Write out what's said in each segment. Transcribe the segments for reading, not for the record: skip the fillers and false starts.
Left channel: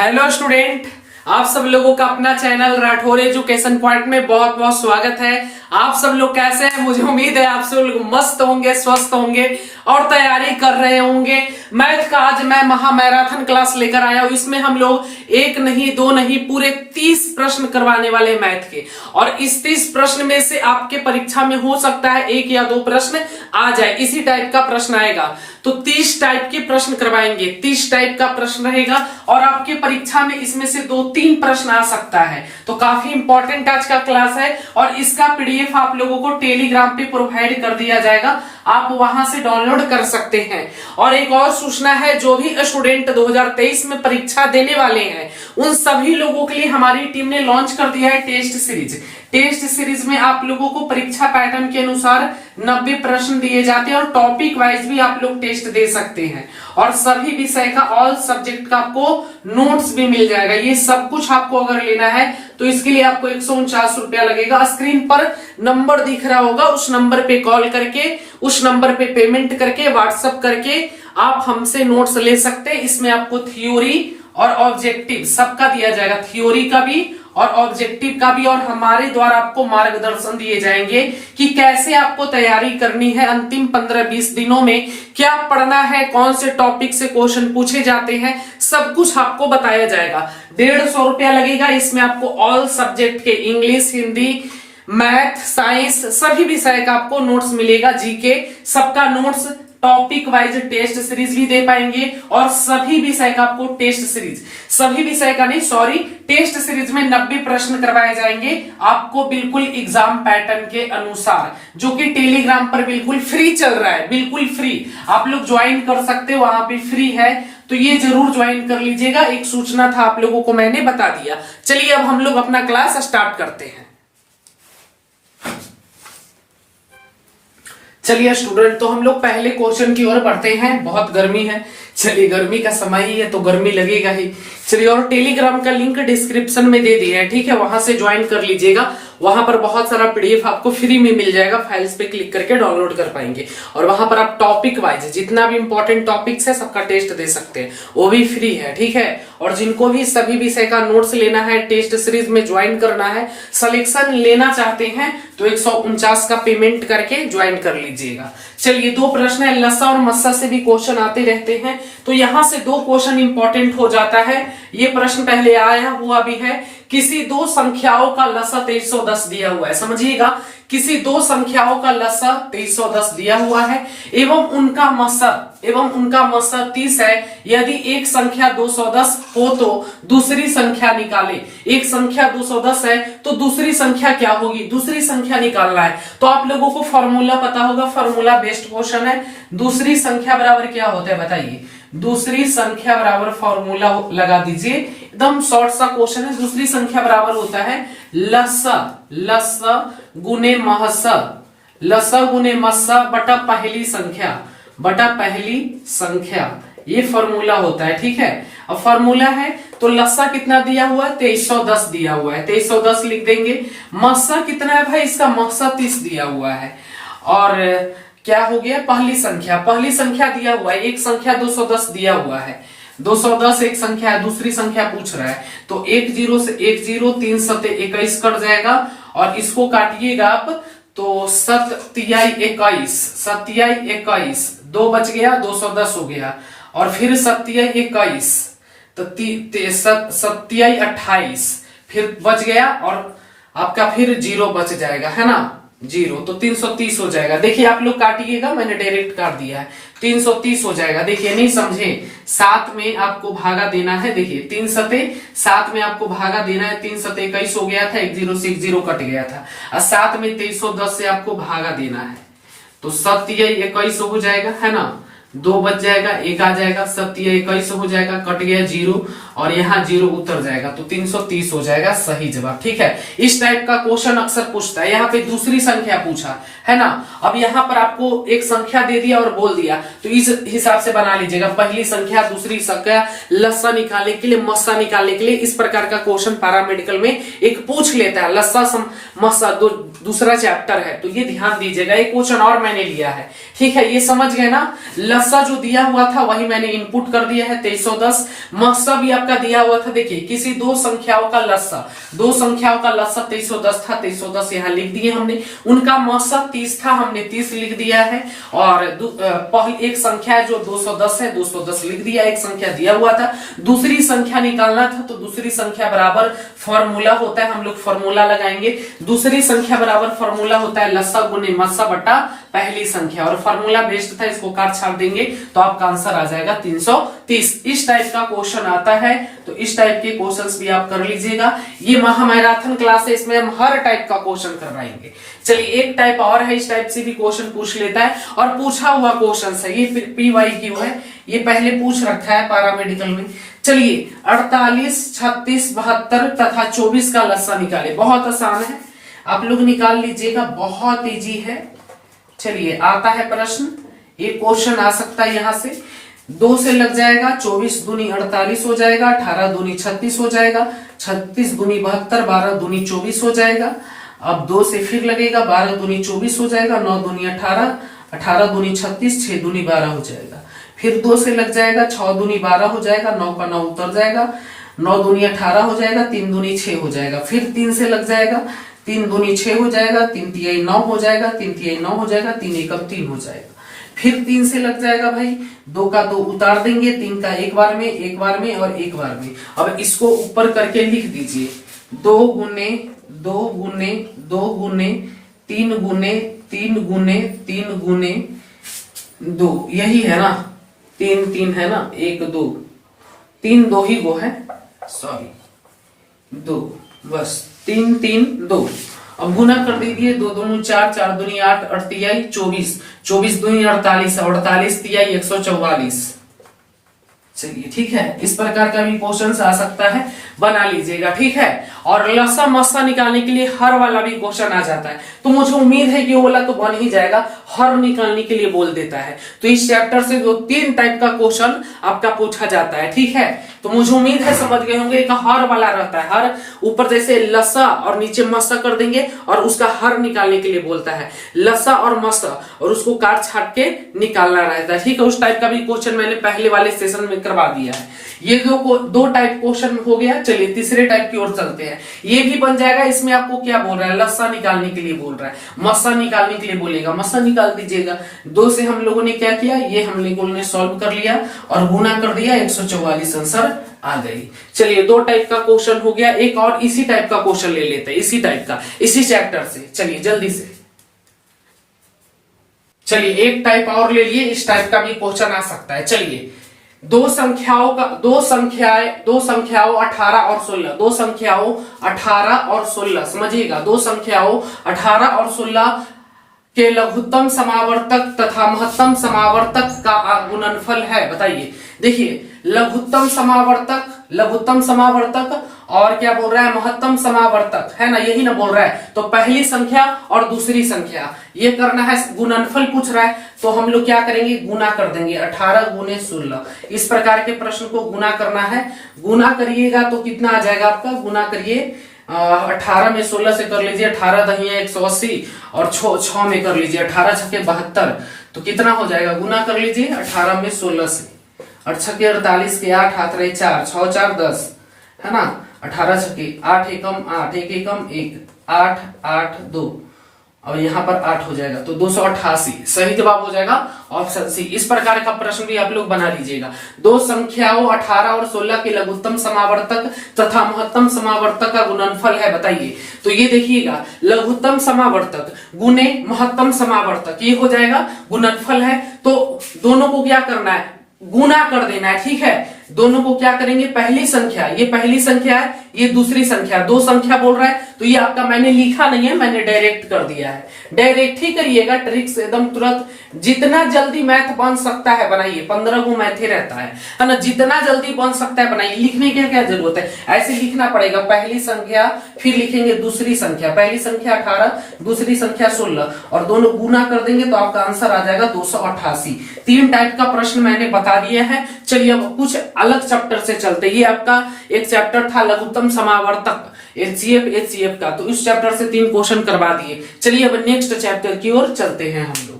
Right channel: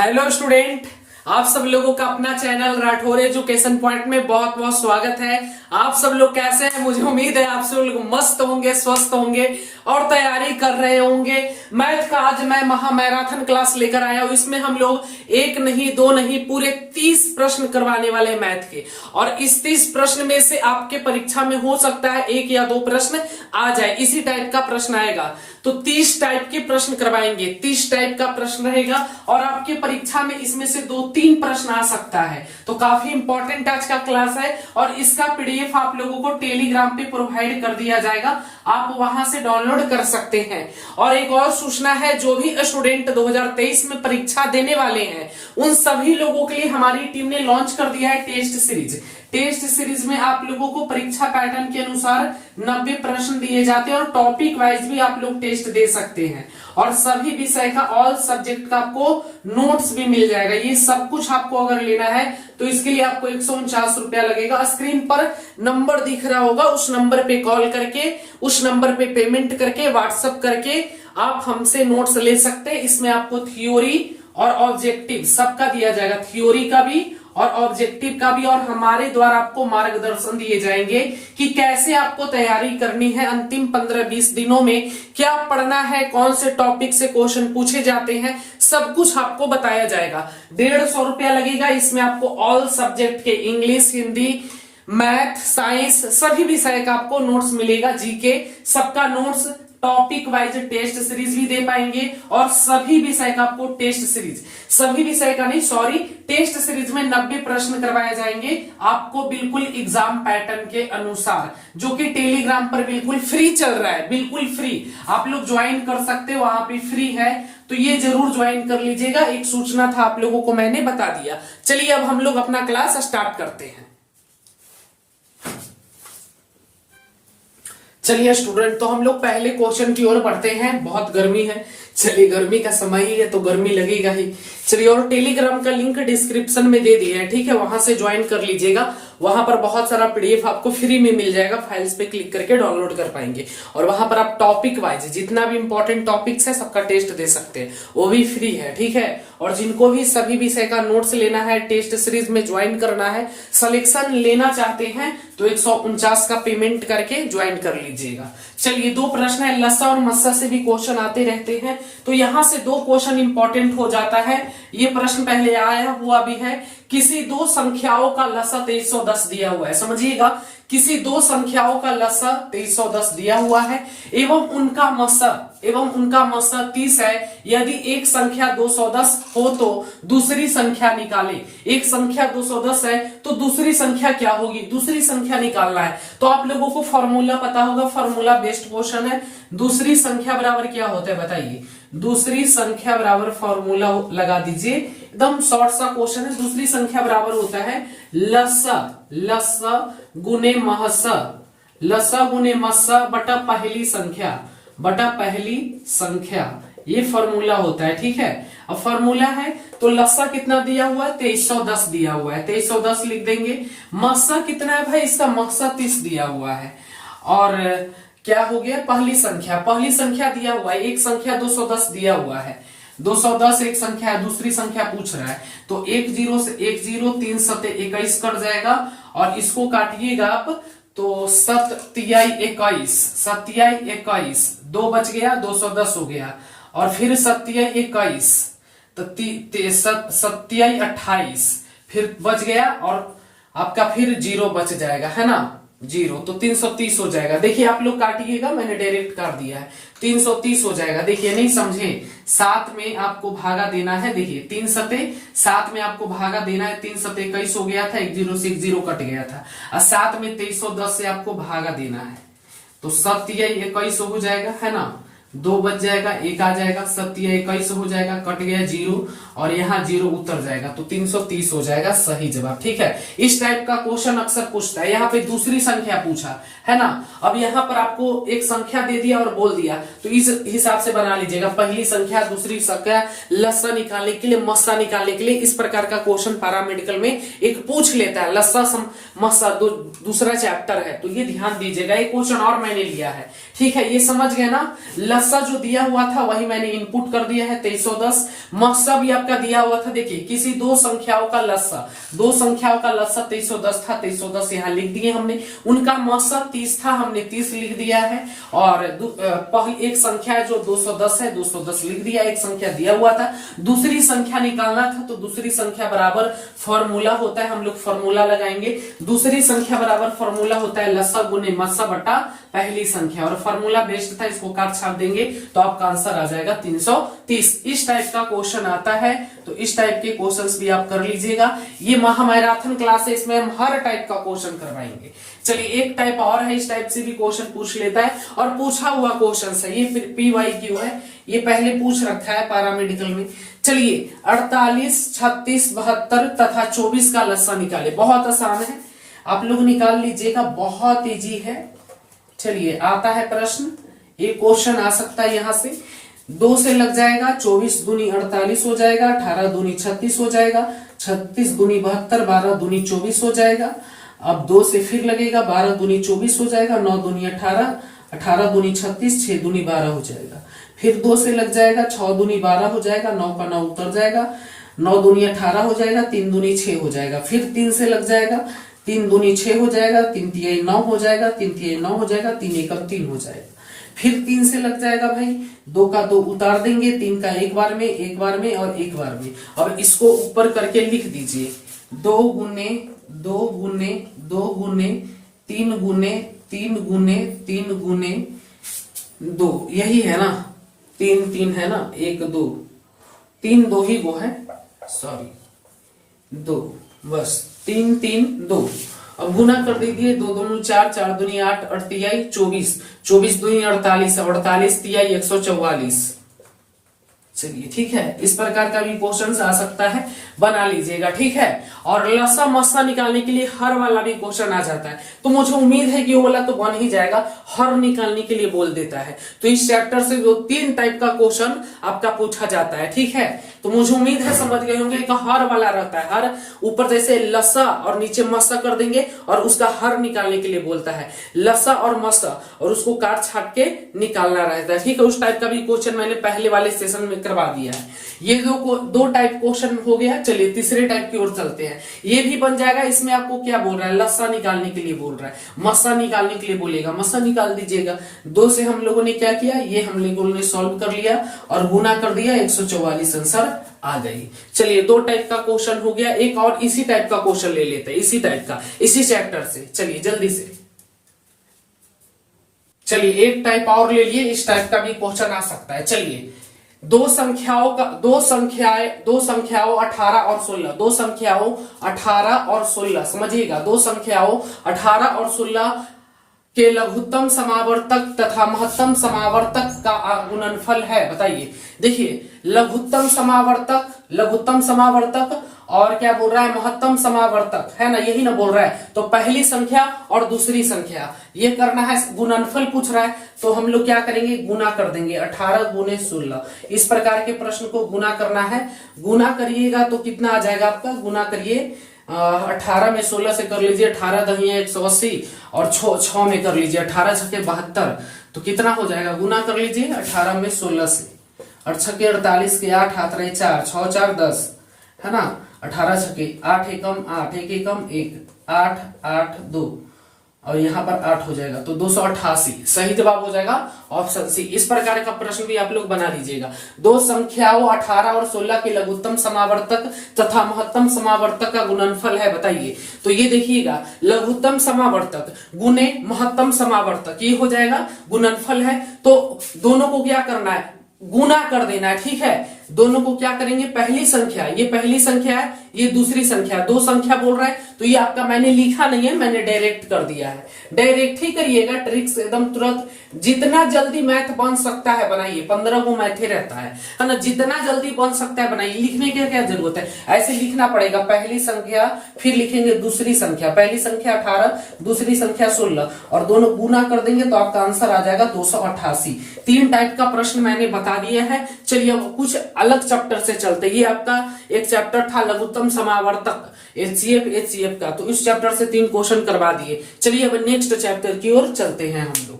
Hello student, आप सब लोगों का अपना चैनल राठौर एजुकेशन पॉइंट में बहुत बहुत स्वागत है। आप सब लोग कैसे हैं? मुझे उम्मीद है आप सब लोग मस्त होंगे, स्वस्थ होंगे और तैयारी कर रहे होंगे। मैथ का आज मैं महामैराथन क्लास लेकर आया हूं। इसमें हम लोग एक नहीं दो नहीं पूरे 30 प्रश्न करवाने वाले मैथ के, और इस 30 प्रश्न में से आपके परीक्षा में हो सकता है एक या दो प्रश्न आ जाए, इसी टाइप का प्रश्न आएगा। तो 30 टाइप के प्रश्न करवाएंगे, 30 टाइप का प्रश्न रहेगा और आपकी परीक्षा में इसमें से 2-3 प्रश्न आ सकता है। तो काफी इंपॉर्टेंट आज का क्लास है और इसका पीडीएफ आप लोगों को टेलीग्राम पे प्रोवाइड कर दिया जाएगा, आप वहां से डाउनलोड कर सकते हैं। और एक और सूचना है, जो भी स्टूडेंट 2023 में परीक्षा देने वाले हैं उन सभी लोगों के लिए हमारी टीम ने लॉन्च कर दिया है टेस्ट सीरीज। टेस्ट सीरीज में आप लोगों को परीक्षा पैटर्न के अनुसार 90 प्रश्न दिए जाते हैं और टॉपिक वाइज भी आप लोग टेस्ट दे सकते हैं, और सभी विषय का ऑल सब्जेक्ट का आपको नोट्स भी मिल जाएगा। ये सब कुछ आपको अगर लेना है तो इसके लिए आपको 149 रुपया लगेगा। स्क्रीन पर नंबर दिख रहा होगा, उस नंबर पे कॉल करके, उस नंबर पे पेमेंट करके, व्हाट्सएप करके आप हमसे नोट्स ले सकते हैं। इसमें आपको थ्योरी और ऑब्जेक्टिव सबका दिया जाएगा, थ्योरी का भी और ऑब्जेक्टिव का भी, और हमारे द्वारा आपको मार्गदर्शन दिए जाएंगे कि कैसे आपको तैयारी करनी है। अंतिम 15-20 दिनों में क्या पढ़ना है, कौन से टॉपिक से क्वेश्चन पूछे जाते हैं, सब कुछ आपको बताया जाएगा। 150 रुपया लगेगा। इसमें आपको ऑल सब्जेक्ट के इंग्लिश, हिंदी, मैथ, साइंस सभी विषय का आपको नोट्स मिलेगा। जीके सबका notes, topic wise test series भी दे पाएंगे और सभी विषय का आपको टेस्ट सीरीज, सभी विषय का नहीं सॉरी, टेस्ट सीरीज में 90 प्रश्न करवाए जाएंगे आपको बिल्कुल एग्जाम पैटर्न के अनुसार, जो कि टेलीग्राम पर बिल्कुल फ्री चल रहा है, बिल्कुल फ्री। आप लोग ज्वाइन कर सकते हो, वहां पे फ्री है, तो ये जरूर ज्वाइन कर लीजिएगा। एक सूचना था आप लोगों को, मैंने बता दिया। चलिए अब हम लोग अपना क्लास स्टार्ट करते हैं। चलिए स्टूडेंट, तो हम लोग पहले क्वेश्चन की ओर बढ़ते हैं। बहुत गर्मी है, चलिए गर्मी का समय ही है तो गर्मी लगेगा ही। चलिए, और टेलीग्राम का लिंक डिस्क्रिप्शन में दे दिया है, ठीक है, वहां से ज्वाइन कर लीजिएगा। वहां पर बहुत सारा पीडीएफ आपको फ्री में मिल जाएगा, फाइल्स पे क्लिक करके डाउनलोड कर पाएंगे, और वहां पर आप टॉपिक वाइज जितना भी इंपॉर्टेंट टॉपिक्स है सबका टेस्ट दे सकते हैं, वो भी फ्री है, ठीक है। और जिनको भी सभी विषय का नोट्स लेना है, टेस्ट सीरीज में ज्वाइन करना है, सिलेक्शन लेना चाहते हैं तो 149 का पेमेंट करके ज्वाइन कर लीजिएगा। चलिए, 2 प्रश्न है, लसा और मस्सा से भी क्वेश्चन आते रहते हैं, तो यहां से 2 क्वेश्चन इंपॉर्टेंट हो जाता है। ये प्रश्न पहले आया हुआ भी है, किसी 2 संख्याओं का लसा 2310 दिया हुआ है, समझिएगा, किसी 2 संख्याओं का लसा 2310 दिया हुआ है एवं उनका मसा 30 है। यदि एक संख्या 210 हो तो दूसरी संख्या निकाले। एक संख्या 210 है तो दूसरी संख्या क्या होगी, दूसरी संख्या निकालना है। तो आप लोगों को फॉर्मूला पता होगा, फॉर्मूला बेस्ड क्वेश्चन है। दूसरी संख्या बराबर क्या होता है बताइए, दूसरी संख्या बराबर फॉर्मूला लगा दीजिए, एकदम शॉर्ट सा क्वेश्चन है। दूसरी संख्या बराबर होता है लसा गुने महसा, लसा गुने महसा बटा पहली संख्या, ये फॉर्मूला होता है, ठीक है। अब फॉर्मूला है तो लसा कितना दिया हुआ है, 2310 दिया हुआ है, 2310 लिख देंगे। महसा कितना है भाई, इसका महसा 30 दिया हुआ है। और क्या हो गया, पहली संख्या दिया हुआ है, एक संख्या 210 दिया हुआ है, 210 एक संख्या है, दूसरी संख्या पूछ रहा है, तो 1 0 से 1 0, 3 7 21 कट जाएगा, और इसको काटिएगा आप तो 7 तिहाई 21, 2 बच गया, 210 हो गया, और फिर 7 तिहाई 21, तो 7 तिहाई 28, फिर बच गया, और आपका फिर 0 बच जाएगा, है ना, 0, तो 330 हो जाएगा। देखिए आप लोग काटिएगा, मैंने डायरेक्ट काट दिया है, 330 हो जाएगा। देखिए नहीं समझे, 7 में आपको भागा देना है, देखिए 3 सते 7 में आपको भागा देना है, 3 सते 21 हो गया था, 1 0 से 1 0 कट गया था, और 7 में 2310 से आपको भागा देना है, तो 7 तिहाई 21 हो जाएगा, है ना, 2 बच जाएगा, 1 आ जाएगा, 7 तिहाई 21 हो जाएगा, कट गया 0, और यहाँ 0 उतर जाएगा, तो 330 हो जाएगा सही जवाब, ठीक है। इस टाइप का क्वेश्चन अक्सर पूछता है। यहाँ पे दूसरी संख्या पूछा है ना, अब यहाँ पर आपको एक संख्या दे दिया और बोल दिया, तो इस हिसाब से बना लीजिएगा, पहली संख्या, दूसरी संख्या, लसा निकालने के लिए, मस्सा निकालने के लिए। इस प्रकार का क्वेश्चन पैरामेडिकल में एक पूछ लेता है, लसा मस्सा दूसरा चैप्टर है, तो ये ध्यान दीजिएगा। एक क्वेश्चन और मैंने लिया है, ठीक है, ये समझ गए ना, लस्सा जो दिया हुआ था वही मैंने इनपुट कर दिया है 2310। मस्सा भी आपका दिया हुआ था, देखिए किसी दो संख्याओं का लस्सा 2310 था, 2310 यहाँ लिख दिए हमने। उनका मस्सा 30 था, हमने 30 लिख दिया है। और पहली एक संख्या है जो 210 है, 210 लिख दिया। एक संख्या दिया हुआ था, दूसरी संख्या निकालना था, तो दूसरी संख्या बराबर फॉर्मूला होता है, हम लोग फॉर्मूला लगाएंगे। दूसरी संख्या बराबर फॉर्मूला होता है लस्सा गुने मस्सा बटा पहली संख्या, और फॉर्मूला बेस्ड था, इसको काट छाट देंगे तो आपका आंसर आ जाएगा 330। इस टाइप का क्वेश्चन आता है, तो इस टाइप के क्वेश्चंस भी आप कर लीजिएगा। ये महामैराथन क्लास है, इसमें हम हर टाइप का क्वेश्चन करवाएंगे। चलिए एक टाइप और है, इस टाइप से भी क्वेश्चन पूछ लेता है, और पूछा हुआ क्वेश्चन है ये, PYQ है, ये पहले पूछ रखा है पैरामेडिकल में। चलिए 48, 36, 72 तथा 24 का लस्सा निकाले। बहुत आसान है, आप लोग निकाल लीजिएगा, बहुत इजी है। चलिए आता है प्रश्न, एक क्वेश्चन आ सकता है यहां से। 2 से लग जाएगा, 24 दूनी 48 हो जाएगा, 18 दूनी 36 हो जाएगा, 36 दूनी 72, 12 दूनी 24 हो जाएगा। अब 2 से फिर लगेगा, 12 दूनी 24 हो जाएगा, 9 दूनी 18, 18 दूनी 36, 6 दूनी 12 हो जाएगा। फिर 2 से लग जाएगा, 6 दूनी 12 हो जाएगा, 9 का 9 उतर जाएगा, 9 दूनी 18 हो जाएगा, 3 दूनी 6 हो जाएगा। फिर 3 से लग जाएगा, 3 दूनी 6 हो जाएगा, 3 तिहाई 9 हो जाएगा, 3 तिहाई 9 हो जाएगा, 3 एकम 3 हो जाएगा। फिर 3 से लग जाएगा भाई, 2 का 2 उतार देंगे, 3 का एक बार में, एक बार में और एक बार में। अब इसको ऊपर करके लिख दीजिए, 2 गुने 2 गुने 2 गुने 3 गुने 3 गुने 3 गुने 2, यही है ना, 3 3 है ना, 1 2 3 2 ही वो है, सॉरी 2, बस 3 3 2। अब गुना कर दीजिए, 2 दूनी 4, 4 दूनी 8, 8 तिहाई 24, 24 दूनी 48, 48 तिहाई 144। चलिए ठीक है, इस प्रकार का भी क्वेश्चन आ सकता है, बना लीजिएगा, ठीक है। और लस्सा मस्सा निकालने के लिए हर वाला भी क्वेश्चन आ जाता है, तो मुझे उम्मीद है कि वो वाला तो बन ही जाएगा, हर निकालने के लिए बोल देता है। तो इस चैप्टर से जो 3 टाइप का क्वेश्चन आपका पूछा जाता है, ठीक है। तो मुझे उम्मीद है समझ गए होंगे कि हर वाला रहता है, हर ऊपर जैसे लस्सा और नीचे मस्सा कर देंगे और उसका हर निकालने के लिए बोलता है, लस्सा और मस्सा, और उसको काट छाट के निकालना रहता है, ठीक है। उस टाइप का भी क्वेश्चन मैंने पहले वाले सेशन में करवा दिया है। ये दो टाइप क्वेश्चन हो गया। चलिए तीसरे टाइप की ओर चलते हैं, ये भी बन जाएगा। इसमें आपको क्या बोल रहा है, लस्सा निकालने के लिए बोल रहा है, मस्सा निकालने के लिए बोलेगा, मस्सा निकाल दीजिएगा। 2 से हम लोगों ने क्या किया, ये हम लोगों ने सॉल्व कर लिया और गुना कर दिया, 144 आंसर आ गई। चलिए 2 टाइप का क्वेश्चन हो गया। एक और इसी टाइप का क्वेश्चन ले लेते हैं, इसी टाइप का, इसी चैप्टर से। चलिए जल्दी से, चलिए एक टाइप और ले लिए, इस टाइप का भी क्वेश्चन आ सकता है। चलिए दो संख्याओं 18 और 16, 2 संख्याओं 18 और 16, समझिएगा, 2 संख्याओं 18 और 16 के लघुत्तम समावर्तक तथा महत्तम समावर्तक का गुणनफल है, बताइए। देखिए लघुत्तम समावर्तक और क्या बोल रहा है, महत्तम समावर्तक, है ना, यही ना बोल रहा है। तो पहली संख्या और दूसरी संख्या ये करना है, गुणनफल पूछ रहा है, तो हम लोग क्या करेंगे, गुना कर देंगे, 18 गुने 16। इस प्रकार के प्रश्न को गुना करना है। गुना करिएगा तो कितना आ जाएगा आपका, गुना करिए, 18 में 16 से कर लीजिए, 18 दहिया 180 और 6 में कर लीजिए, 18 छके 72, तो कितना हो जाएगा, गुना कर लीजिए 18 में 16 से, 8 छके 48 के 8 हाथ रहे 4, 6 4 10, है ना, 18 छके 8 एकम 8, 1 एकम 1, 8 8 2, और यहाँ पर 8 हो जाएगा, तो 288 सही जवाब हो जाएगा ऑप्शन सी। इस प्रकार का प्रश्न भी आप लोग बना लीजिएगा। 2 संख्याओं 18 और 16 के लघुत्तम समावर्तक तथा महत्तम समावर्तक का गुणनफल है, बताइए। तो ये देखिएगा, लघुत्तम समावर्तक गुने महत्तम समावर्तक, ये हो जाएगा गुणनफल है, तो दोनों को क्या करना है, गुना कर देना है, ठीक है। दोनों को क्या करेंगे, पहली संख्या, ये पहली संख्या है, ये दूसरी संख्या, 2 संख्या बोल रहा है, तो ये आपका मैंने लिखा नहीं है, मैंने डायरेक्ट कर दिया है। डायरेक्ट ही करिएगा, ट्रिक्स एकदम तुरंत, जितना जल्दी मैथ बन सकता है बनाइए, 15 को मैथ ही रहता है ना, जितना जल्दी बन सकता है बनाइए। लिखने की क्या जरूरत है, ऐसे लिखना पड़ेगा, पहली संख्या फिर लिखेंगे दूसरी संख्या, पहली संख्या 18 दूसरी संख्या 16 और दोनों गुना कर देंगे तो आपका आंसर आ जाएगा 288। 3 टाइप का प्रश्न मैंने बता दिया है। चलिए अब कुछ अलग चैप्टर से चलते, ये आपका एक चैप्टर था लघुत्तम समावर्तक HCF का, तो इस चैप्टर से 3 क्वेश्चन करवा दिए। चलिए अब नेक्स्ट चैप्टर की ओर चलते हैं हम लोग।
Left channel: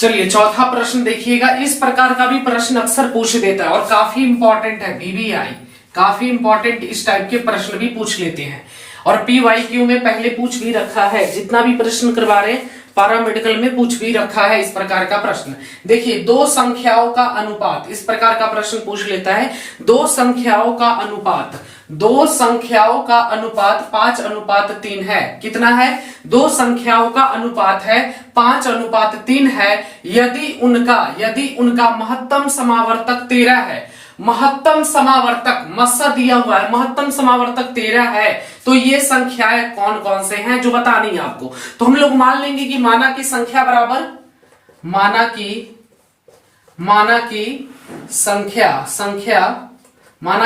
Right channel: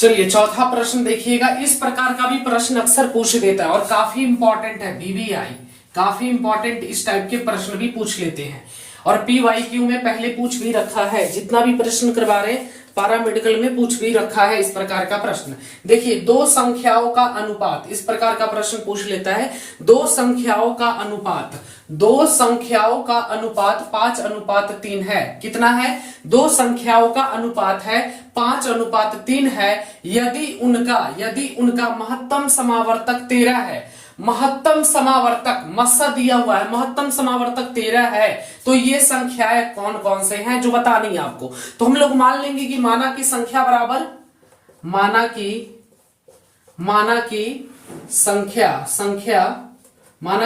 चलिए चौथा प्रश्न देखिएगा। इस प्रकार का भी प्रश्न अक्सर पूछ देता है और काफी इंपॉर्टेंट है। बीबीआई काफी इंपॉर्टेंट इस टाइप के प्रश्न भी पूछ लेते हैं और पीवाईक्यू में पहले पूछ भी रखा है। जितना भी प्रश्न करवा रहे हैं पैरामेडिकल में पूछ भी रखा है इस प्रकार का प्रश्न। देखिए दो संख्याओं का अनुपात, इस प्रकार का प्रश्न पूछ लेता है। दो संख्याओं का अनुपात 5:3 है। कितना है? दो संख्याओं का अनुपात है 5:3 है। यदि उनका महत्तम समावर्तक 13 है, महत्तम समावर्तक मस्सा दिया हुआ है, महत्तम समावर्तक 13 है, तो ये संख्याएं कौन कौन से हैं जो बतानी है आपको। तो हम लोग मान लेंगे कि माना की संख्या बराबर माना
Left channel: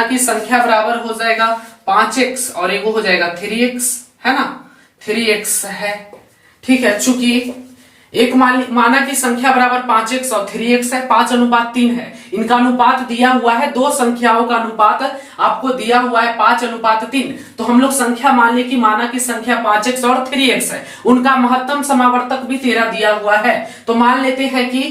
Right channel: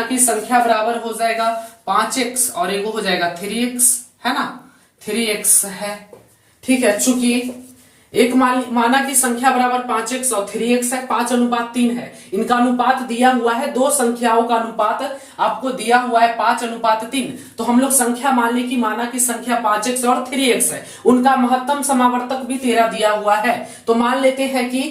की संख्या बराबर हो जाएगा 5x और एगो हो जाएगा 3x, है ना, 3x है। ठीक है, चूंकि एक माना की संख्या बराबर 5x और 3x है, 5:3 है। इनका अनुपात दिया हुआ है, दो संख्याओं का अनुपात आपको दिया हुआ है 5:3। तो हम लोग संख्या मान ले कि माना की संख्या 5x और 3x है। उनका महत्तम समावर्तक भी 13 दिया हुआ है। तो मान लेते हैं कि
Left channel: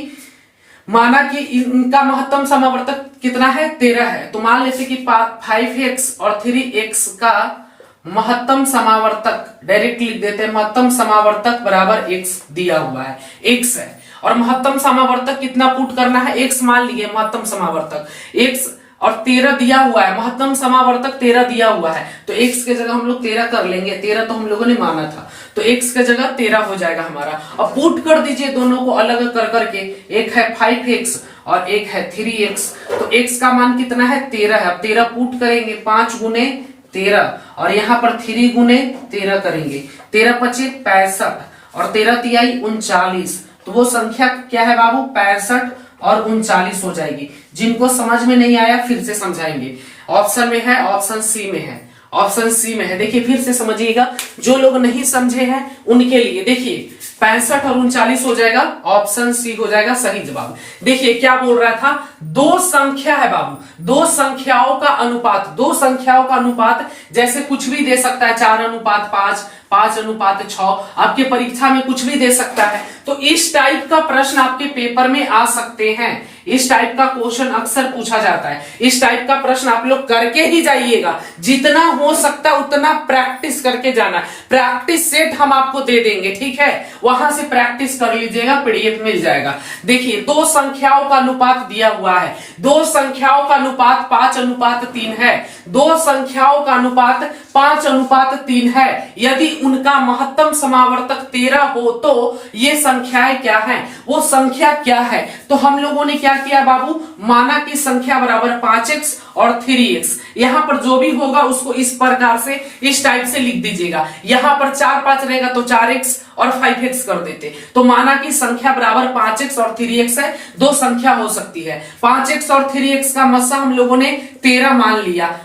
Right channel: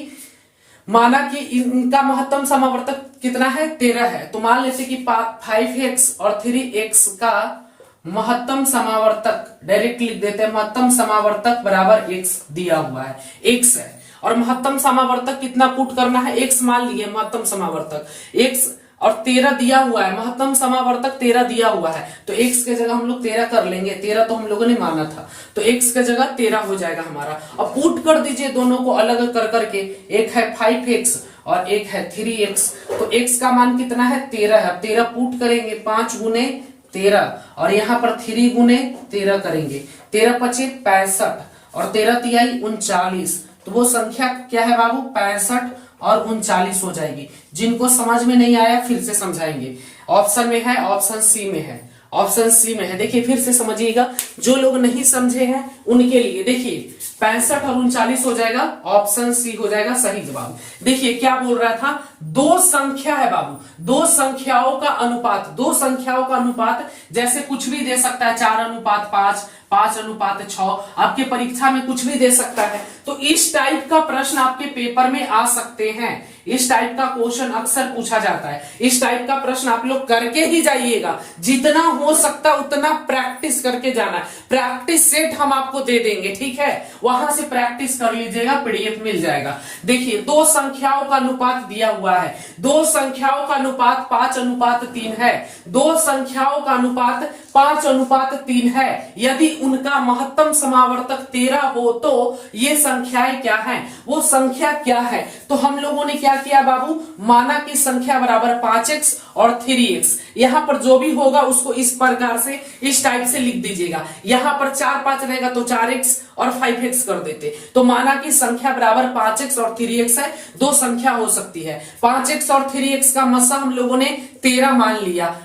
माना कि इनका महत्तम समावर्तक कितना है? 13 है। तो मान लेते कि 5x और 3x का महत्तम समावर्तक डायरेक्ट लिख देते हैं। महत्तम समावर्तक बराबर x दिया हुआ है, x है। और महत्तम समावर्तक कितना पुट करना है? x मान लिए महत्तम समावर्तक x और 13 दिया हुआ है, महत्तम समावर्तक 13 दिया हुआ है। तो x के जगह हम लोग 13 कर लेंगे। 13 तो हम लोगों ने माना था, तो x के जगह 13 हो जाएगा हमारा। अब पुट कर दीजिए दोनों को अलग कर करके। एक है 5x और एक है 3x। तो x का मान कितना है? 13 है। अब 13 पुट करेंगे, 5 गुने 13 और यहाँ पर 3 गुने 13 करेंगे। 13 पचे 65 और 13 तिहाई 39। तो वो संख्या क्या है बाबू? 65 और 39 हो जाएगी। जिनको समझ में नहीं आया फिर से समझाएंगे। ऑप्शन में है, ऑप्शन सी में है, ऑप्शन सी में है। देखिए फिर से समझिएगा, जो लोग नहीं समझे हैं उनके लिए। देखिए 65 और 39 हो जाएगा, ऑप्शन सी हो जाएगा सही जवाब। देखिए क्या बोल रहा था? दो संख्या है बाबू, दो संख्याओं का अनुपात, दो संख्याओं का अनुपात जैसे कुछ भी दे सकता है, 4:5, 5:6, आपके परीक्षा में कुछ भी दे सकता है। तो इस टाइप का प्रश्न आपके पेपर में आ सकते हैं। इस टाइप का क्वेश्चन अक्सर पूछा जाता है। इस टाइप का प्रश्न आप लोग करके ही जाइएगा, जितना हो सकता है उतना प्रैक्टिस करके जाना। प्रैक्टिस सेट हम आपको दे देंगे, ठीक है, वहां से प्रैक्टिस कर लीजिएगा, पीडीएफ मिल जाएगा। देखिए दो संख्याओं का अनुपात दिया हुआ है, दो संख्याओं का अनुपात 5:3 है। दो संख्याओं का अनुपात 5:3 है। यदि उनका महत्तम समावर्तक 13 हो तो ये संख्याएं क्या हैं? वो संख्या क्या है? तो हम लोगों ने क्या किया बाबू? माना की संख्या बराबर 5x और 3x। यहां पर जो भी होगा उसको इस प्रकार से, इस टाइप से लिख दीजिएगा। यहां पर 4 5 रहेगा तो 4x और 5x कर देते। तो माना की संख्या बराबर 5x और 3x है। दो संख्या हो सकती है। 5x और 3x का मस्सा हम लोगों ने 13 मान लिया,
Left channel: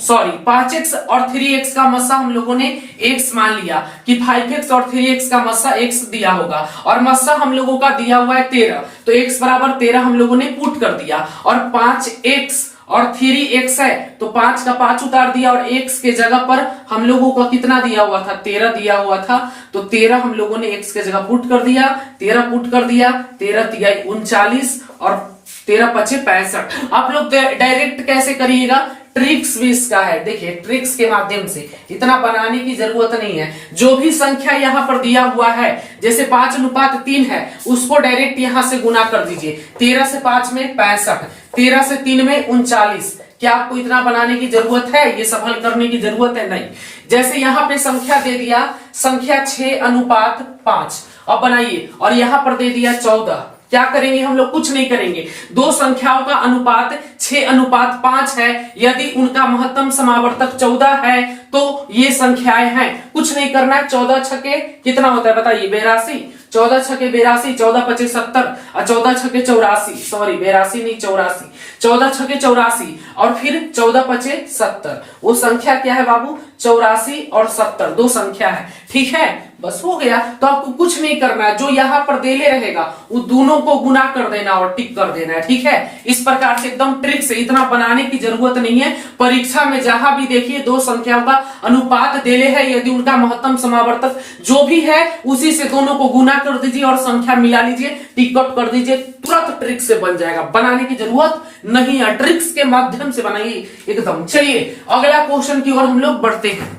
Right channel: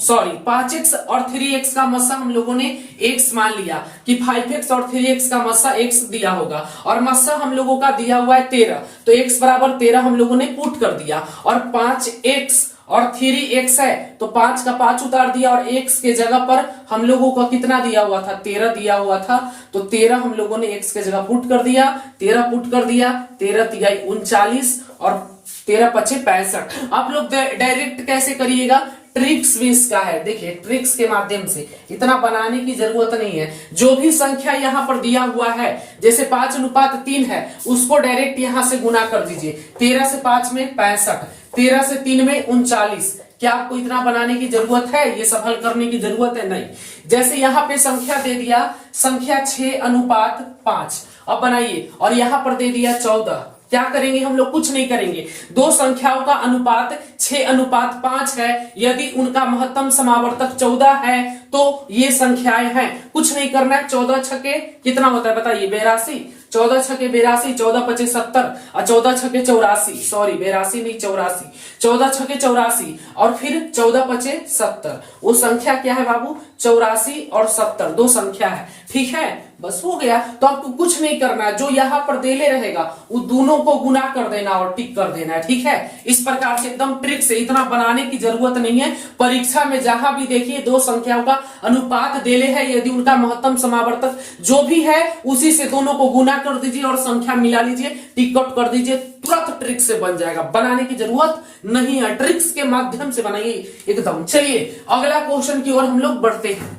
सॉरी 5x और 3x का मस्सा हम लोगों ने x मान लिया कि 5x और 3x का मस्सा x दिया होगा और मस्सा हम लोगों का दिया हुआ है 13। तो x बराबर 13 हम लोगों ने पुट कर दिया और 5x और 3x है तो 5 का 5 उतार दिया और x के जगह पर हम लोगों का कितना दिया हुआ था? 13 दिया हुआ था। तो 13 हम लोगों ने x के जगह पुट कर दिया, 13 पुट कर दिया, 13 तिहाई 39 और 13 पचे 65। आप लोग डायरेक्ट कैसे करिएगा? ट्रिक्स भी इसका है। देखिए ट्रिक्स के माध्यम से, इतना बनाने की जरूरत नहीं है। जो भी संख्या यहाँ पर दिया हुआ है, जैसे 5:3 है, उसको डायरेक्ट यहाँ से गुना कर दीजिए। 13 से 5 में 65, 13 से 3 में 39। क्या आपको इतना बनाने की जरूरत है? ये सफल करने की जरूरत है? नहीं। जैसे यहाँ पे संख्या दे दिया, संख्या 6:5, अब बनाइए, और यहाँ पर दे दिया 14। क्या करेंगे हम लोग? कुछ नहीं करेंगे। दो संख्याओं का अनुपात 6:5 है। यदि उनका महत्तम समावर्तक 14 है तो ये संख्याएं हैं। कुछ नहीं करना है। 14 छके कितना होता है बताइए? 82। 14 छके 82, 14 पचे 70 और 14 छके 84, सॉरी 82 नहीं 84, 14 छके 84 और फिर 14 पचे 70। वो संख्या क्या है बाबू? 84 और 70 दो संख्या है, ठीक है, बस हो गया। तो आपको कुछ नहीं करना है, जो यहाँ पर देले रहेगा वो दोनों को गुना कर देना और टिक कर देना है, ठीक है। इस प्रकार से एकदम ट्रिक से, इतना बनाने की जरूरत नहीं है। परीक्षा में जहां भी देखिए दो संख्याओं का अनुपात देले है, यदि उनका महत्तम समावर्तक जो भी है उसी से दोनों को गुना कर दीजिए और संख्या मिला लीजिए, टिकट कर दीजिए, तुरंत ट्रिक से बन जाएगा, बनाने की जरूरत नहीं है, ट्रिक्स के माध्यम से बनाइए एकदम। चलिए अगला क्वेश्चन की ओर हम लोग बढ़ते हैं।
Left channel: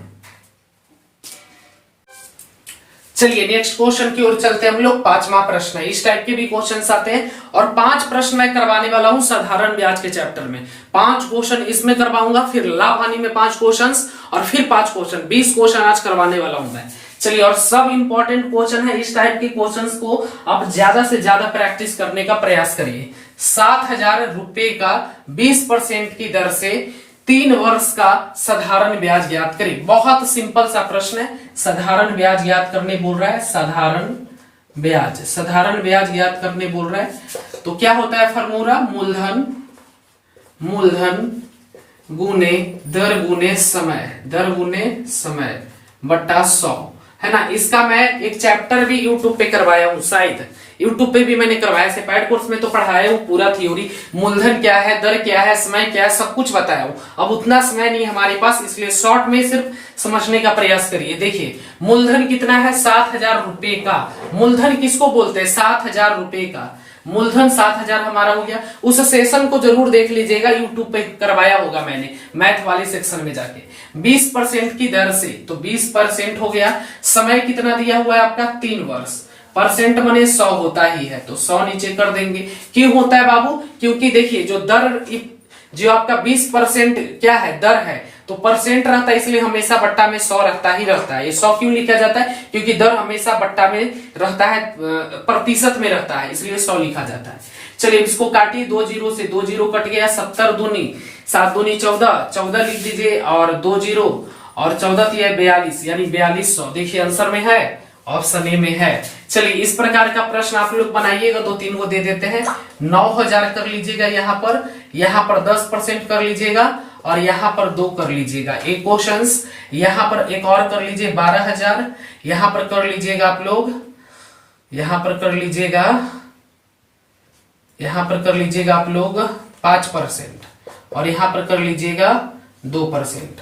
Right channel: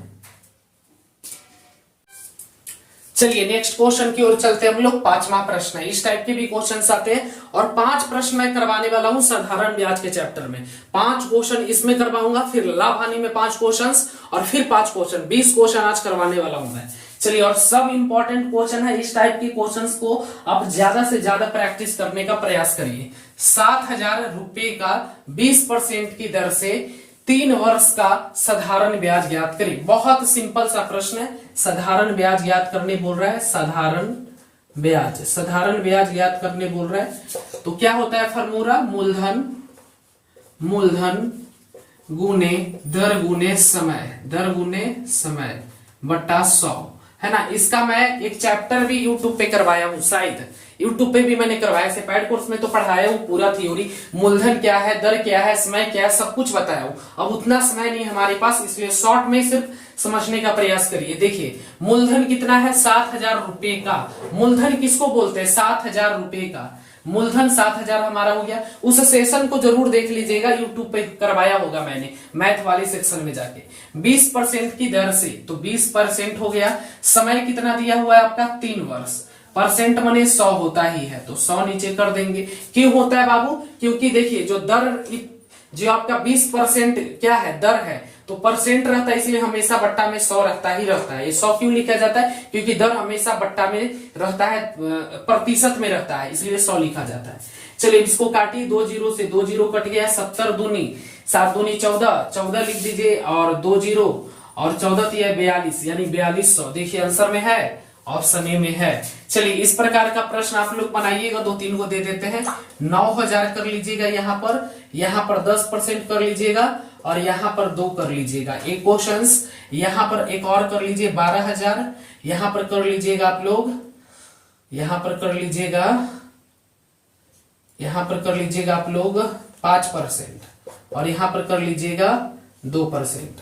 चलिए नेक्स्ट क्वेश्चन की ओर चलते हैं हम लोग। 5वां प्रश्न है, इस टाइप के भी क्वेश्चंस आते हैं और 5 प्रश्न मैं करवाने वाला हूं साधारण ब्याज के चैप्टर में। 5 क्वेश्चन इसमें करवाऊंगा, फिर लाभ हानि में 5 क्वेश्चंस और फिर 5 क्वेश्चन, 20 क्वेश्चन आज करवाने वाला हूं मैं। चलिए, और सब इंपॉर्टेंट क्वेश्चन है, इस टाइप के क्वेश्चंस को आप ज्यादा से ज्यादा प्रैक्टिस करने का प्रयास करिए। 7,000 रुपए का 20% की दर से 3 वर्ष का साधारण ब्याज ज्ञात करें। बहुत सिंपल सा प्रश्न है, साधारण ब्याज ज्ञात करने बोल रहा है, साधारण ब्याज ज्ञात करने बोल रहा है। तो क्या होता है फॉर्मूला, मूलधन गुने दर गुने समय बट्टा 100, है ना। इसका मैं एक चैप्टर भी यूट्यूब पे करवाया हूं, शायद यूट्यूब पे भी मैंने करवाया है। पैड कोर्स में तो पढ़ाया हूं पूरा थ्योरी, मूलधन क्या है, दर क्या है, समय क्या है, सब कुछ बताया हूं। अब उतना समय नहीं हमारे पास, इसलिए शॉर्ट में सिर्फ समझने का प्रयास करिए। देखिए मूलधन कितना है, 7,000 रुपए का। मूलधन किसको बोलते हैं, 7,000 रुपए का मूलधन 7,000 हमारा हो गया। उस सेशन को जरूर देख लीजिएगा, यूट्यूब पे करवाया होगा मैंने, मैथ वाले सेक्शन में जाके। 20% की दर से, तो 20% हो गया। समय कितना दिया हुआ है आपका, 3 वर्ष। परसेंट मने 100 होता ही है, तो 100 नीचे कर देंगे। क्यों होता है बाबू, क्योंकि देखिए जो आपका 20% क्या है, दर है, तो परसेंट रहता है, इसलिए हमेशा बट्टा में 100 रहता ही रहता है। ये 100 क्यों लिखा जाता है, क्योंकि दर हमेशा बट्टा में रहता है, प्रतिशत में रहता है, इसलिए 100 लिखा जाता है। चलिए इसको काटिए, 2 जीरो से 2 जीरो कट गया, 70 दूनी 7 दूनी 14 लिख दीजिए, और 2 जीरो और 14 है 42, यानी 4200। देखिए आंसर में है, ऑप्शन ए में है। चलिए इस प्रकार का प्रश्न आप लोग बनाइएगा, 2-3 को दे देते हैं। 9,000 कर लीजिएगा, यहाँ पर 10% कर लीजिएगा, और यहाँ पर 2 कर लीजिएगा। एक क्वेश्चंस यहाँ पर एक और कर लीजिए, 12,000 यहाँ पर कर लीजिएगा आप लोग, यहाँ पर कर लीजिएगा आप लोग 5%, और यहाँ पर कर लीजिएगा 2%।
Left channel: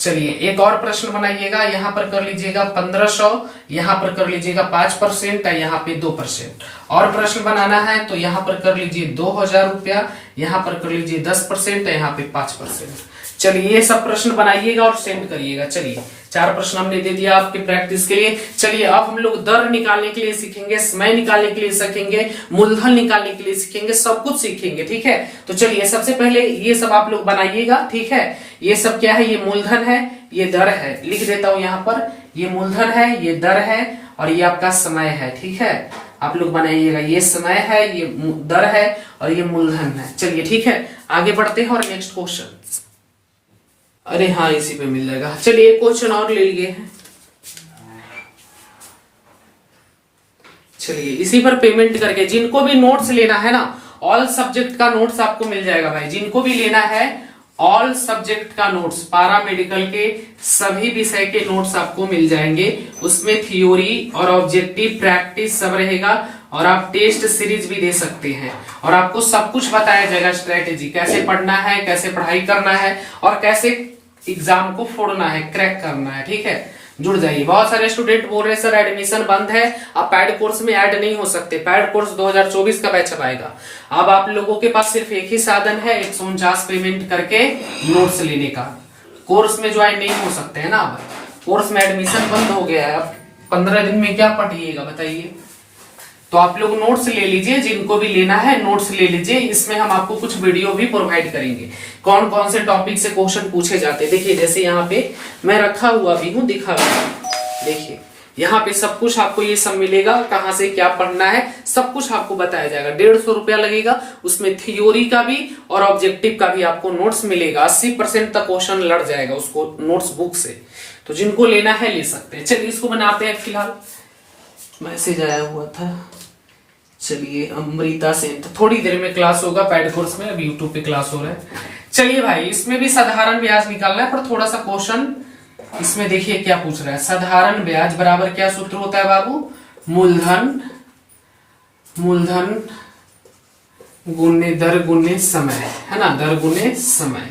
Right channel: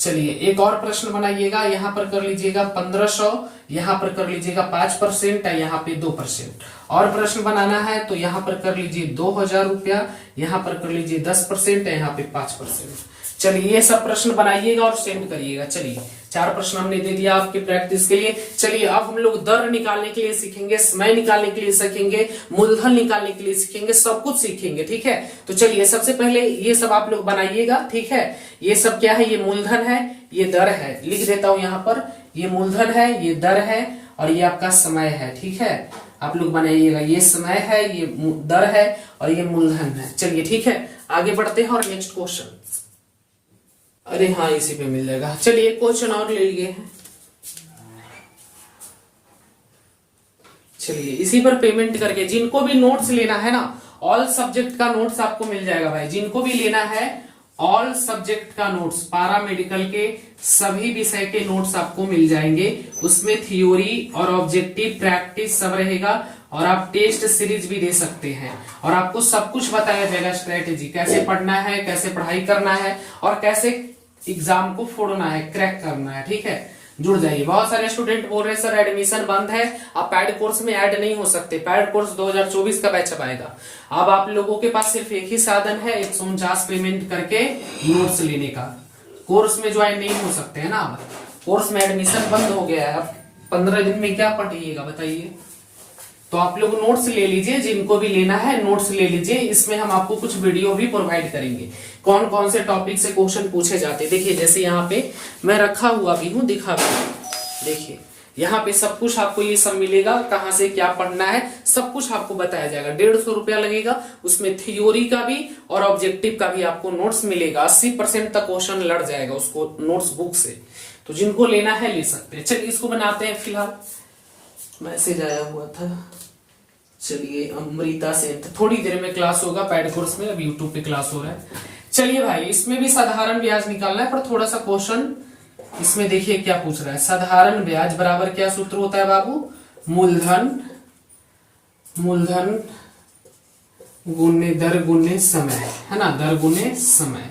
चलिए एक और प्रश्न बनाइएगा, यहाँ पर कर लीजिएगा 1500, यहाँ पर कर लीजिएगा 5% है, यहाँ पे 2%। और प्रश्न बनाना है तो यहाँ पर कर लीजिए 2,000 रुपया, यहाँ पर कर लीजिए 10% है, यहाँ पे 5%। चलिए ये सब प्रश्न बनाइएगा और सेंड करिएगा। चलिए 4 प्रश्न हमने दे दिया आपकी प्रैक्टिस के लिए। चलिए अब हम लोग दर निकालने के लिए सीखेंगे, समय निकालने के लिए सीखेंगे, मूलधन निकालने के लिए सीखेंगे, सब कुछ सीखेंगे, ठीक है। तो चलिए सबसे पहले ये सब आप लोग बनाइएगा, ठीक है। ये सब क्या है, ये मूलधन है, ये दर है, लिख देता हूं यहाँ पर, ये मूलधन है, ये दर है, और ये आपका समय है, ठीक है। आप लोग बनाइएगा, ये समय है, ये दर है, और ये मूलधन है। चलिए ठीक है, आगे बढ़ते हैं और नेक्स्ट क्वेश्चन। अरे हाँ, इसी पे मिल जाएगा। चलिए एक क्वेश्चन और ले लिए। चलिए इसी पर पेमेंट करके, जिनको भी नोट्स लेना है ना, ऑल सब्जेक्ट का नोट्स आपको मिल जाएगा भाई। जिनको भी लेना है ऑल सब्जेक्ट का नोट्स, पारा मेडिकल के सभी विषय के नोट्स आपको मिल जाएंगे। उसमें थ्योरी और ऑब्जेक्टिव प्रैक्टिस सब रहेगा, और आप टेस्ट सीरीज भी दे सकते हैं, और आपको सब कुछ बताया जाएगा, स्ट्रेटेजी कैसे पढ़ना है, कैसे पढ़ाई करना है, और कैसे एग्जाम को फोड़ना है, क्रैक करना है, ठीक है। जुड़ जाइए। बहुत सारे स्टूडेंट बोल रहे हैं सर एडमिशन बंद है, आप पैड कोर्स में ऐड नहीं हो सकते। पैड कोर्स 2024 का बैच आएगा। अब आप लोगों के पास सिर्फ एक ही साधन है, 149 पेमेंट करके नोट्स लेने का। कोर्स में ज्वाइन नहीं हो सकते है ना, अब कोर्स में एडमिशन बंद हो गया है। अब 15 दिन में क्या पढ़िएगा बताइए। तो आप लोग नोट्स ले लीजिए, जिनको भी लेना है नोट्स ले लीजिए। इसमें हम आपको कुछ वीडियो भी प्रोवाइड करेंगे, कौन कौन से टॉपिक से क्वेश्चन पूछे जाते हैं। देखिए जैसे यहाँ पे मैं रखा हुआ भी हूँ, दिखा देखिए यहाँ पे सब कुछ आपको ये सब मिलेगा, कहाँ से क्या पढ़ना है सब कुछ आपको बताया जाएगा। 150 रुपया लगेगा, उसमें थ्योरी का भी और ऑब्जेक्टिव का भी आपको नोट्स मिलेगा। 80% तक क्वेश्चन लड़ जाएगा उसको नोट्स बुक से। तो जिनको लेना है ले सकते हैं। चलिए इसको बनाते हैं। फिलहाल मैसेज आया हुआ था, चलिए अमृता से थोड़ी देर में क्लास होगा पैड कोर्स में, अभी यूट्यूब पे क्लास हो रहा है। चलिए भाई इसमें भी साधारण ब्याज निकालना है, पर थोड़ा सा क्वेश्चन इसमें देखिए क्या पूछ रहा है। साधारण ब्याज बराबर क्या सूत्र होता है बाबू, मूलधन गुने दर गुने समय, है ना, दर गुने समय।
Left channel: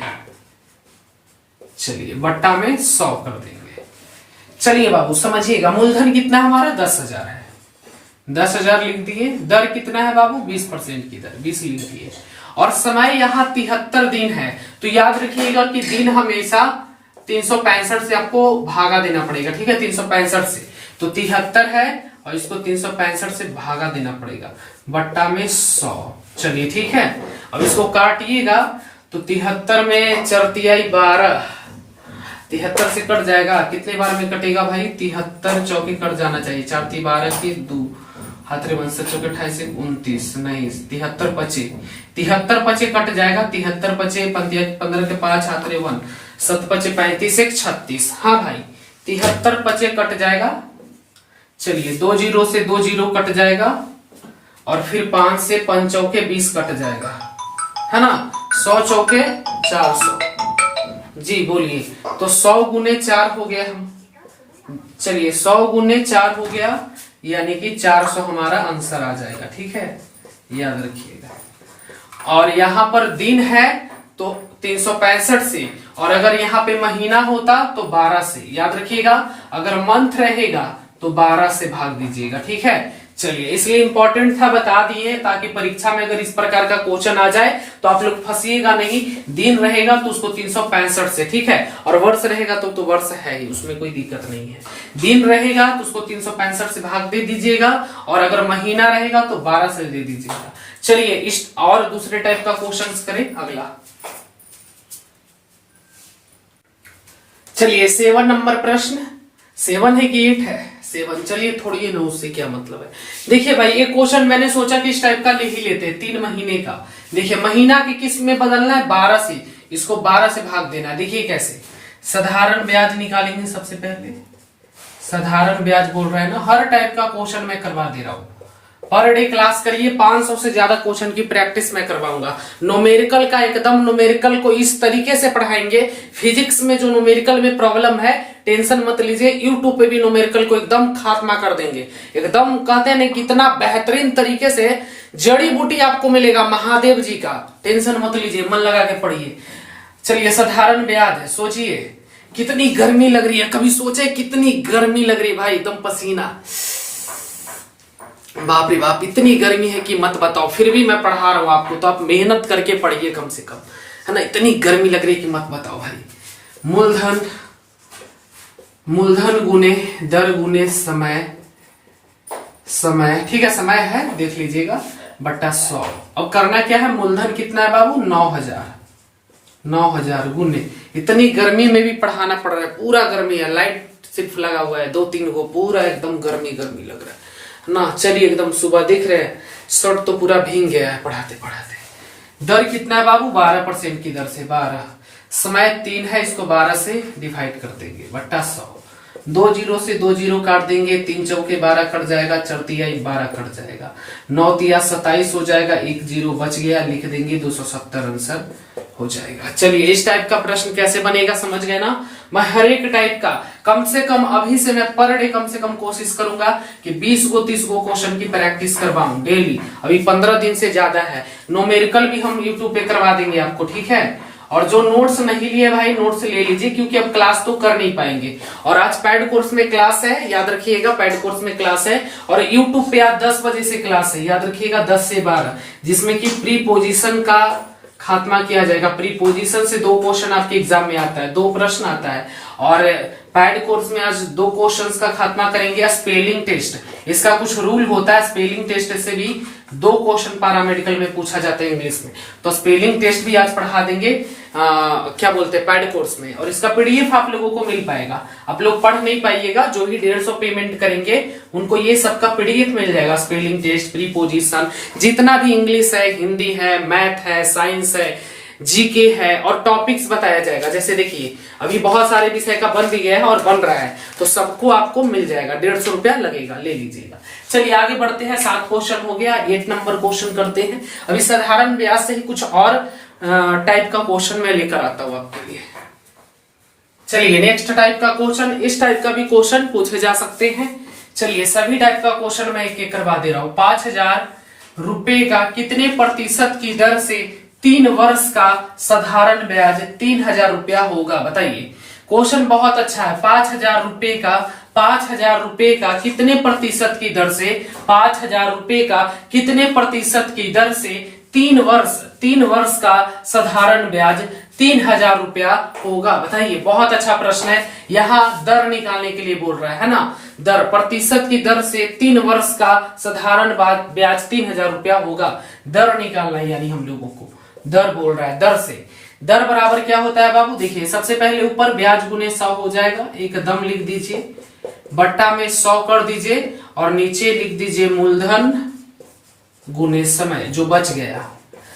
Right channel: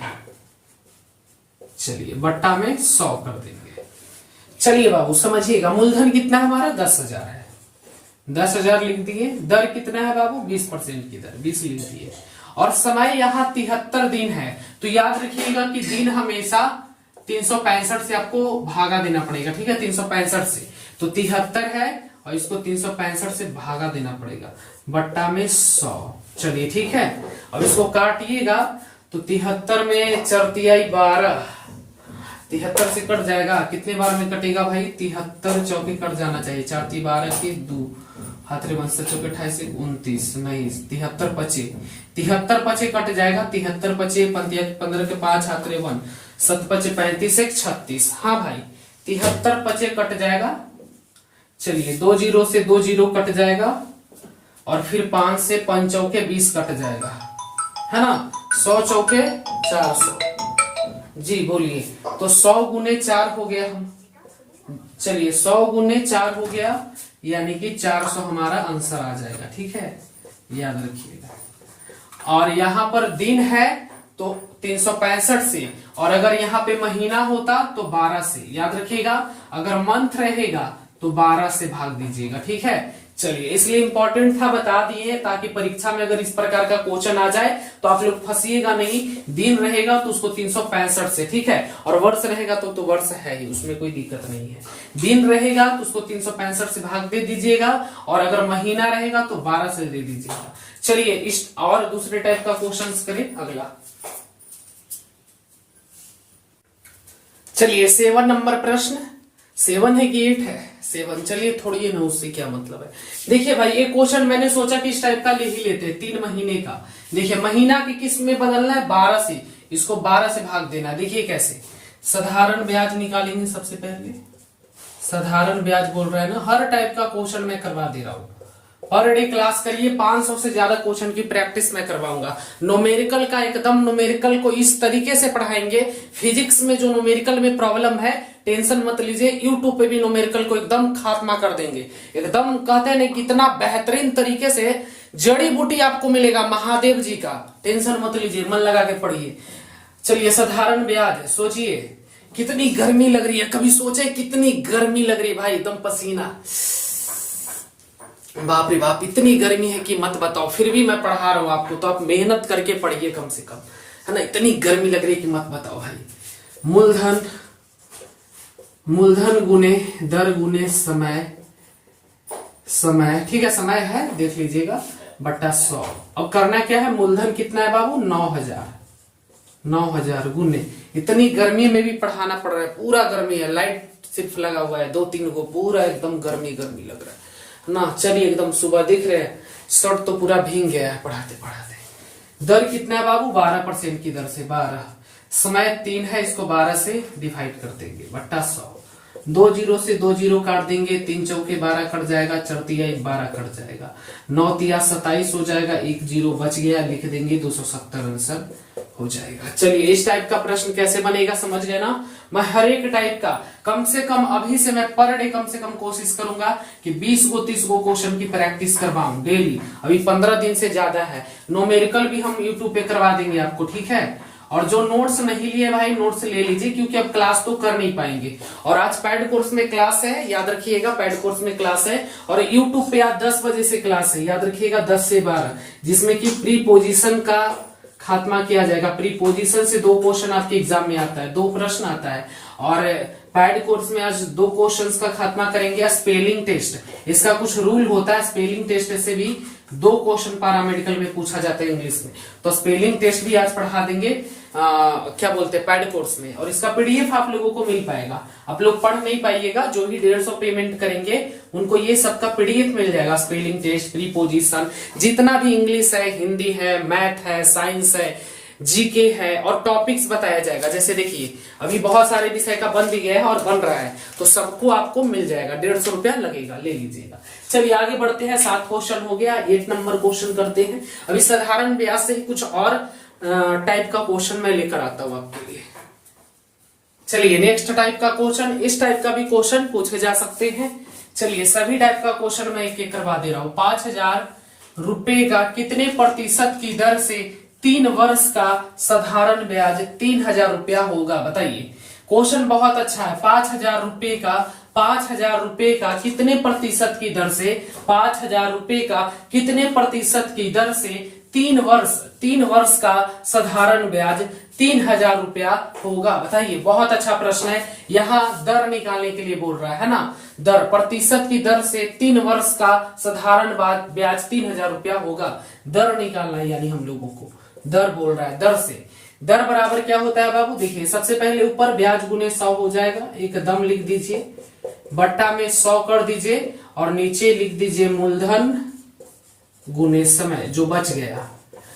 चलिए बट्टा में 100 कर देंगे। चलिए बाबू समझिएगा, मूलधन कितना हमारा 10,000 है, 10,000 लिख दिए। दर कितना है बाबू? 20% की दर, 20 लिख दिए। और समय यहाँ 73 दिन है, तो याद रखिएगा कि दिन हमेशा 365 से आपको भागा देना पड़ेगा, ठीक है। 365 से, तो 73 है और इसको 365 से भागा देना पड़ेगा, बट्टा में 100। चलिए ठीक है, अब इसको काटिएगा तो 73 में 4 तिहाई 12, 73 से कट जाएगा। कितने बार में कटेगा भाई? 73 चौके कट जाना चाहिए। 4 × 12 की 2, हाथ रे चौके 28 29, नहीं 73 पचे, 73 पचे कट जाएगा। 73 पचे 15 के 5, हाथ रे 1, 7 पचे 35, 1 36। हाँ भाई 73 पचे कट जाएगा। चलिए 2 जीरो से 2 जीरो कट जाएगा और फिर 5 से 5 चौके 20 कट जाएगा, है ना। 100 चौके 400। जी बोलिए, तो 100 गुने 4 हो गया हम। चलिए 100 गुने 4 हो गया, यानी कि 400 हमारा आंसर आ जाएगा, ठीक है, याद रखिएगा। और यहाँ पर दिन है तो 365 से, और अगर यहाँ पे महीना होता तो 12 से, याद रखिएगा। अगर मंथ रहेगा तो 12 से भाग दीजिएगा, ठीक है। चलिए, इसलिए इंपॉर्टेंट था, बता दिए, ताकि परीक्षा में अगर इस प्रकार का क्वेश्चन आ जाए तो आप लोग फंसिएगा नहीं। दिन रहेगा तो उसको 365 से, ठीक है, और वर्ष रहेगा तो वर्ष है ही, उसमें कोई दिक्कत नहीं है। दिन रहेगा तो उसको 365 से भाग दे दीजिएगा, और अगर महीना रहेगा तो 12 से दे दीजिएगा। चलिए इस और दूसरे टाइप का क्वेश्चन करें अगला। चलिए 7 नंबर प्रश्न। 7 है कि 8 है? 7। चलिए थोड़ी ना, उससे क्या मतलब है। देखिए भाई, एक क्वेश्चन मैंने सोचा कि इस टाइप का ले ही लेते हैं, 3 महीने का। देखिए महीना की किस में बदलना है? 12 से, इसको 12 से भाग देना है। देखिए कैसे, साधारण ब्याज निकालेंगे सबसे पहले। साधारण ब्याज बोल रहे हैं ना, हर टाइप का क्वेश्चन मैं करवा दे रहा हूं। पर डे क्लास करिए, 500 से ज्यादा क्वेश्चन की प्रैक्टिस मैं करवाऊंगा। न्यूमेरिकल का एकदम, न्यूमेरिकल को इस तरीके से पढ़ाएंगे। फिजिक्स में जो न्यूमेरिकल में प्रॉब्लम है, टेंशन मत लीजिए, यूट्यूब पे भी न्यूमेरिकल को एकदम खात्मा कर देंगे। एकदम कहते हैं कितना बेहतरीन तरीके से जड़ी बूटी आपको मिलेगा महादेव जी का। टेंशन मत लीजिए, मन लगा के पढ़िए। चलिए साधारण ब्याज, सोचिए कितनी गर्मी लग रही है, कभी सोचे कितनी गर्मी लग रही है भाई, एकदम पसीना, बाप रे बाप, इतनी गर्मी है कि मत बताओ। फिर भी मैं पढ़ा रहा हूं आपको, तो आप मेहनत करके पढ़िए कम से कम, है ना। इतनी गर्मी लग रही है कि मत बताओ भाई। मूलधन गुने दर गुने समय, ठीक है, समय है देख लीजिएगा, बट्टा 100। अब करना क्या है? मूलधन कितना है बाबू? 9,000 गुने, इतनी गर्मी में भी पढ़ाना पड़ रहा है, पूरा गर्मी है, लाइट सिर्फ लगा हुआ है 2-3 को, पूरा एकदम गर्मी लग रहा है ना। चलिए एकदम सुबह देख रहे हैं, शर्ट तो पूरा भीग गया है पढ़ाते पढ़ाते। दर कितना है बाबू? 12% की दर से 12। समय 3 है, इसको 12 से डिवाइड कर देंगे, बट्टा 100। 2 जीरो से 2 जीरो काट देंगे, 3 चौके 12 कट जाएगा, 4 तिहाई 12 कट जाएगा, 9 तिया 27 हो जाएगा, 1 जीरो बच गया, लिख देंगे 270 आंसर हो जाएगा। चलिए इस टाइप का प्रश्न कैसे बनेगा समझ गए ना। मैं हर एक टाइप का कम से कम अभी से मैं पर डे कम से कम कोशिश करूंगा कि 20 को 30 को क्वेश्चन की प्रैक्टिस करवाऊं डेली। अभी 15 दिन से ज्यादा है। न्यूमेरिकल भी हम यूट्यूब पे करवा देंगे आपको, ठीक है। और जो नोट्स नहीं लिए भाई, नोट्स ले लीजिए, क्योंकि अब क्लास तो कर नहीं पाएंगे। और आज पैड कोर्स में क्लास है, याद रखिएगा, पैड कोर्स में क्लास है। और यूट्यूब पे आज 10 बजे से क्लास है, याद रखिएगा, 10 से 12, जिसमें कि प्रीपोजिशन का खात्मा किया जाएगा। प्रीपोजिशन से 2 क्वेश्चन आपके एग्जाम में आता है, 2 प्रश्न आता है। और पैड कोर्स में आज 2 क्वेश्चंस का खात्मा करेंगे। स्पेलिंग टेस्ट, इसका कुछ रूल होता है, स्पेलिंग टेस्ट से भी 2 क्वेश्चन पैरामेडिकल में पूछा जाता है इंग्लिश में, तो स्पेलिंग टेस्ट भी आज पढ़ा देंगे। क्या बोलते हैं, पैड कोर्स में। और इसका पीडीएफ आप लोगों को मिल पाएगा। आप लोग पढ़ नहीं पाइएगा, जो भी 150 पेमेंट करेंगे उनको ये सबका पीडीएफ मिल जाएगा। स्पेलिंग टेस्ट, प्रीपोजिशन, जितना भी इंग्लिश है, हिंदी है, मैथ है, साइंस है, जीके है, और टॉपिक्स बताया जाएगा। जैसे देखिए अभी बहुत सारे विषय का बन भी गया है और बन रहा है, तो सबको आपको मिल जाएगा। 150 रुपया लगेगा, ले लीजिएगा। चलिए आगे बढ़ते हैं। 7 क्वेश्चन हो गया, 8 नंबर क्वेश्चन करते हैं। अभी साधारण ब्याज से ही कुछ और टाइप का क्वेश्चन मैं लेकर आता हूं आपके लिए। चलिए नेक्स्ट टाइप का क्वेश्चन, इस टाइप का भी क्वेश्चन पूछे जा सकते हैं। चलिए सभी टाइप का क्वेश्चन मैं एक एक करवा दे रहा हूं। 5,000 रुपए का कितने प्रतिशत की दर से 3 वर्ष का साधारण ब्याज 3,000 रुपया होगा? बताइए। क्वेश्चन बहुत अच्छा है। 5,000 रुपए का 5,000 रुपए का कितने प्रतिशत की दर से 5,000 रुपए का कितने प्रतिशत की दर से 3 वर्ष का साधारण ब्याज 3,000 रुपया होगा? बताइए, बहुत अच्छा प्रश्न है। यहाँ दर निकालने के लिए बोल रहा है ना, दर, प्रतिशत की दर से 3 वर्ष का साधारण ब्याज 3,000 रुपया होगा। दर निकालना है, यानी हम लोगों को दर बोल रहा है। दर से दर बराबर क्या होता है बाबू? देखिए, सबसे पहले ऊपर ब्याज गुने 100 हो जाएगा, एकदम लिख दीजिए, बट्टा में 100 कर दीजिए और नीचे लिख दीजिए मूलधन गुने समय, जो बच गया।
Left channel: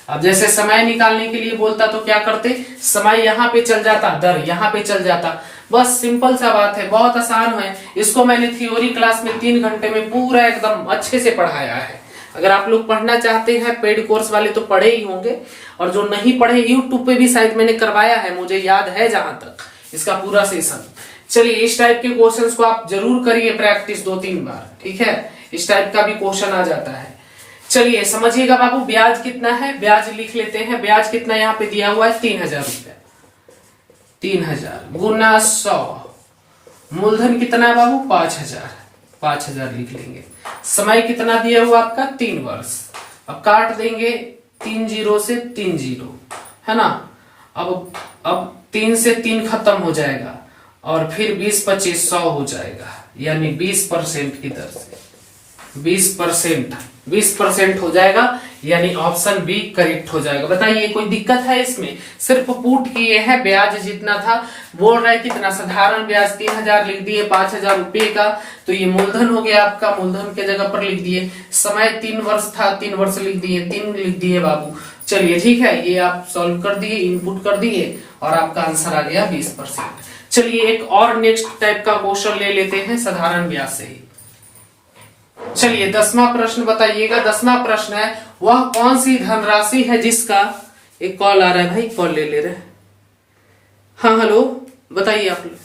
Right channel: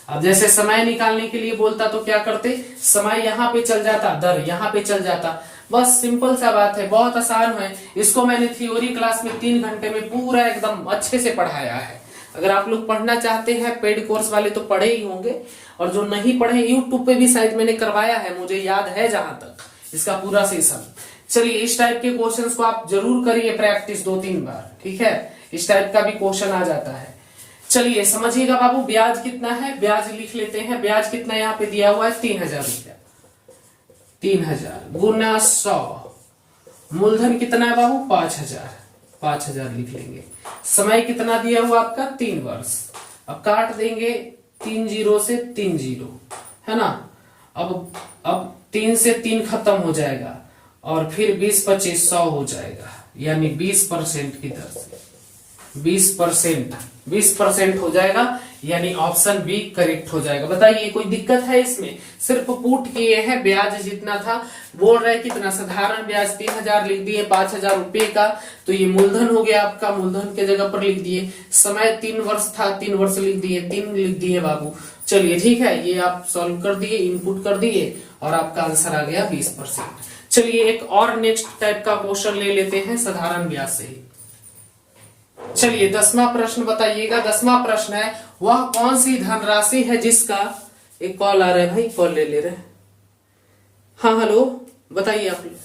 अब जैसे समय निकालने के लिए बोलता तो क्या करते, समय यहाँ पे चल जाता, दर यहाँ पे चल जाता। बस सिंपल सा बात है, बहुत आसान है। इसको मैंने थ्योरी क्लास में 3 घंटे में पूरा एकदम अच्छे से पढ़ाया है। अगर आप लोग पढ़ना चाहते हैं, पेड कोर्स वाले तो पढ़े ही होंगे, और जो नहीं पढ़े यूट्यूब पे भी शायद मैंने करवाया है, मुझे याद है जहां तक, इसका पूरा सेशन। चलिए, इस टाइप के क्वेश्चंस को आप जरूर करिए प्रैक्टिस 2-3 बार, ठीक है? इस टाइप का भी क्वेश्चन आ जाता है। चलिए समझिएगा बाबू, ब्याज कितना है, ब्याज लिख लेते हैं। ब्याज कितना यहाँ पे दिया हुआ है? 3,000 रुपया। 3,000 गुना 100, मूलधन कितना है बाबू? 5,000। 5,000 लिख लेंगे। समय कितना दिया हुआ आपका? 3 वर्ष। अब काट देंगे 3 0 से 3 0, है ना? अब 3 से 3 खत्म हो जाएगा और फिर 20 25 100 हो जाएगा, यानी 20% की दर से 20% हो जाएगा, यानी ऑप्शन बी करेक्ट हो जाएगा। बताइए, कोई दिक्कत है इसमें? सिर्फ पुट किए हैं, ब्याज जितना था बोल रहे हैं कितना, साधारण ब्याज 3,000 लिख दिए 5,000 रुपए का, तो ये मूलधन हो गया आपका, मूलधन के जगह पर लिख दिए। समय 3 वर्ष था, 3 वर्ष लिख दिए, 3 लिख दिए बाबू। चलिए ठीक है, ये आप सॉल्व कर दिए, इनपुट कर दिए और आपका आंसर आ गया 20%। चलिए एक और नेक्स्ट टाइप का क्वेश्चन ले लेते हैं साधारण ब्याज से ही। चलिए 10वां प्रश्न बताइएगा। 10वां प्रश्न है, वह कौन सी धनराशि है जिसका, एक कॉल आ रहा है भाई, कॉल ले रहे हैं। हाँ हेलो, बताइए आप लोग।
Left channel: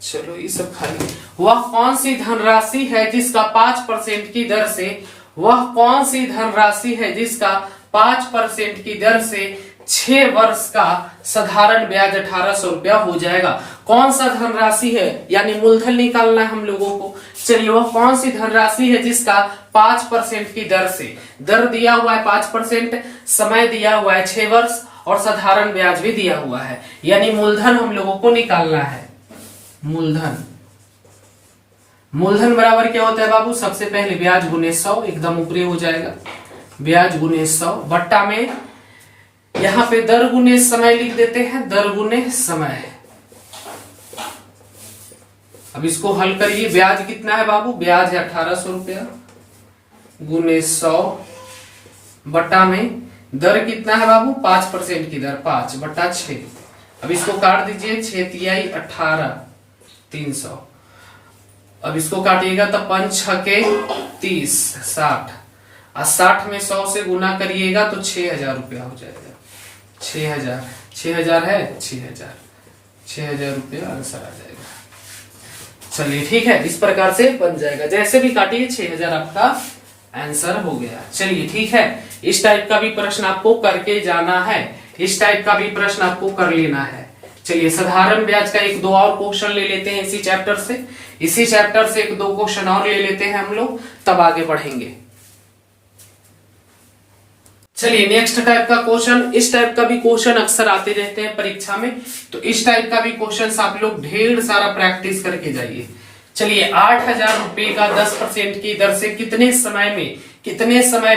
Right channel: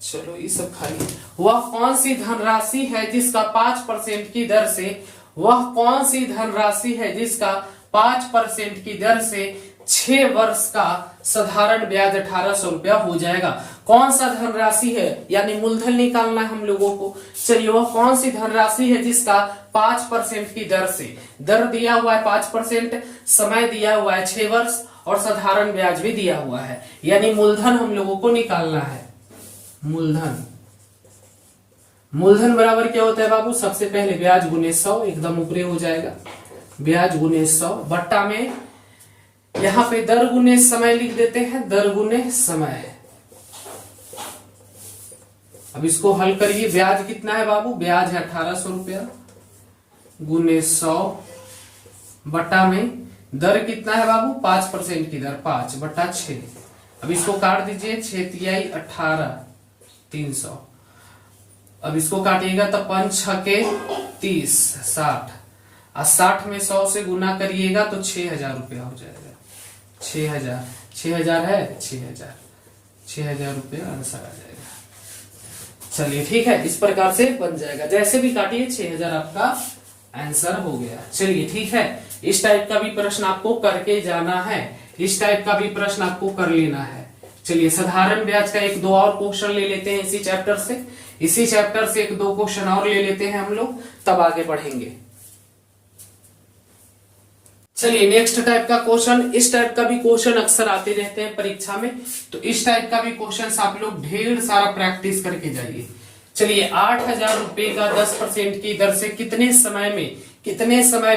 चलो ये सब खाली। वह कौन सी धनराशि है जिसका 5% की दर से, वह कौन सी धनराशि है जिसका 5% की दर से 6 वर्ष का साधारण ब्याज 1,800 रुपया हो जाएगा? कौन सा धनराशि है, यानी मूलधन निकालना है हम लोगों को। चलिए, वह कौन सी धनराशि है जिसका 5% की दर से, दर दिया हुआ है 5%, समय दिया हुआ है 6 वर्ष और साधारण ब्याज भी दिया हुआ है, यानी मूलधन हम लोगों को निकालना है। मूलधन बराबर क्या होता है बाबू? सबसे पहले ब्याज गुने 100, एकदम ऊपरी हो जाएगा, ब्याज गुने 100 बट्टा में यहाँ पे दर गुने समय लिख देते हैं, दर गुने समय। अब इसको हल करिए। ब्याज कितना है बाबू? ब्याज है 1,800 रुपया गुने 100 बट्टा में दर कितना है बाबू? 5% की दर, 5 बट्टा 6। अब इसको काट दीजिए, 6 तिहाई 18, 300। अब इसको काटिएगा तो 5 6 30, 60, और 60 में 100 से गुना करिएगा तो 6,000 रुपया हो जाएगा। 6,000 है, 6,000 रुपया आंसर आ जाएगा। चलिए ठीक है, इस प्रकार से बन जाएगा, जैसे भी काटिए 6,000 आपका आंसर हो गया। चलिए ठीक है, इस टाइप का भी प्रश्न आपको करके जाना है, इस टाइप का भी प्रश्न आपको कर लेना है। चलिए साधारण ब्याज का 1-2 और क्वेश्चन ले लेते हैं इसी चैप्टर से, इसी चैप्टर से 1-2 क्वेश्चन और ले लेते हैं हम लोग, तब आगे बढ़ेंगे। चलिए नेक्स्ट टाइप का क्वेश्चन, इस टाइप का भी क्वेश्चन अक्सर आते रहते हैं परीक्षा में, तो इस टाइप का भी क्वेश्चन आप लोग ढेर सारा प्रैक्टिस करके जाइए। चलिए 8,000 रुपए का 10% की दर से कितने समय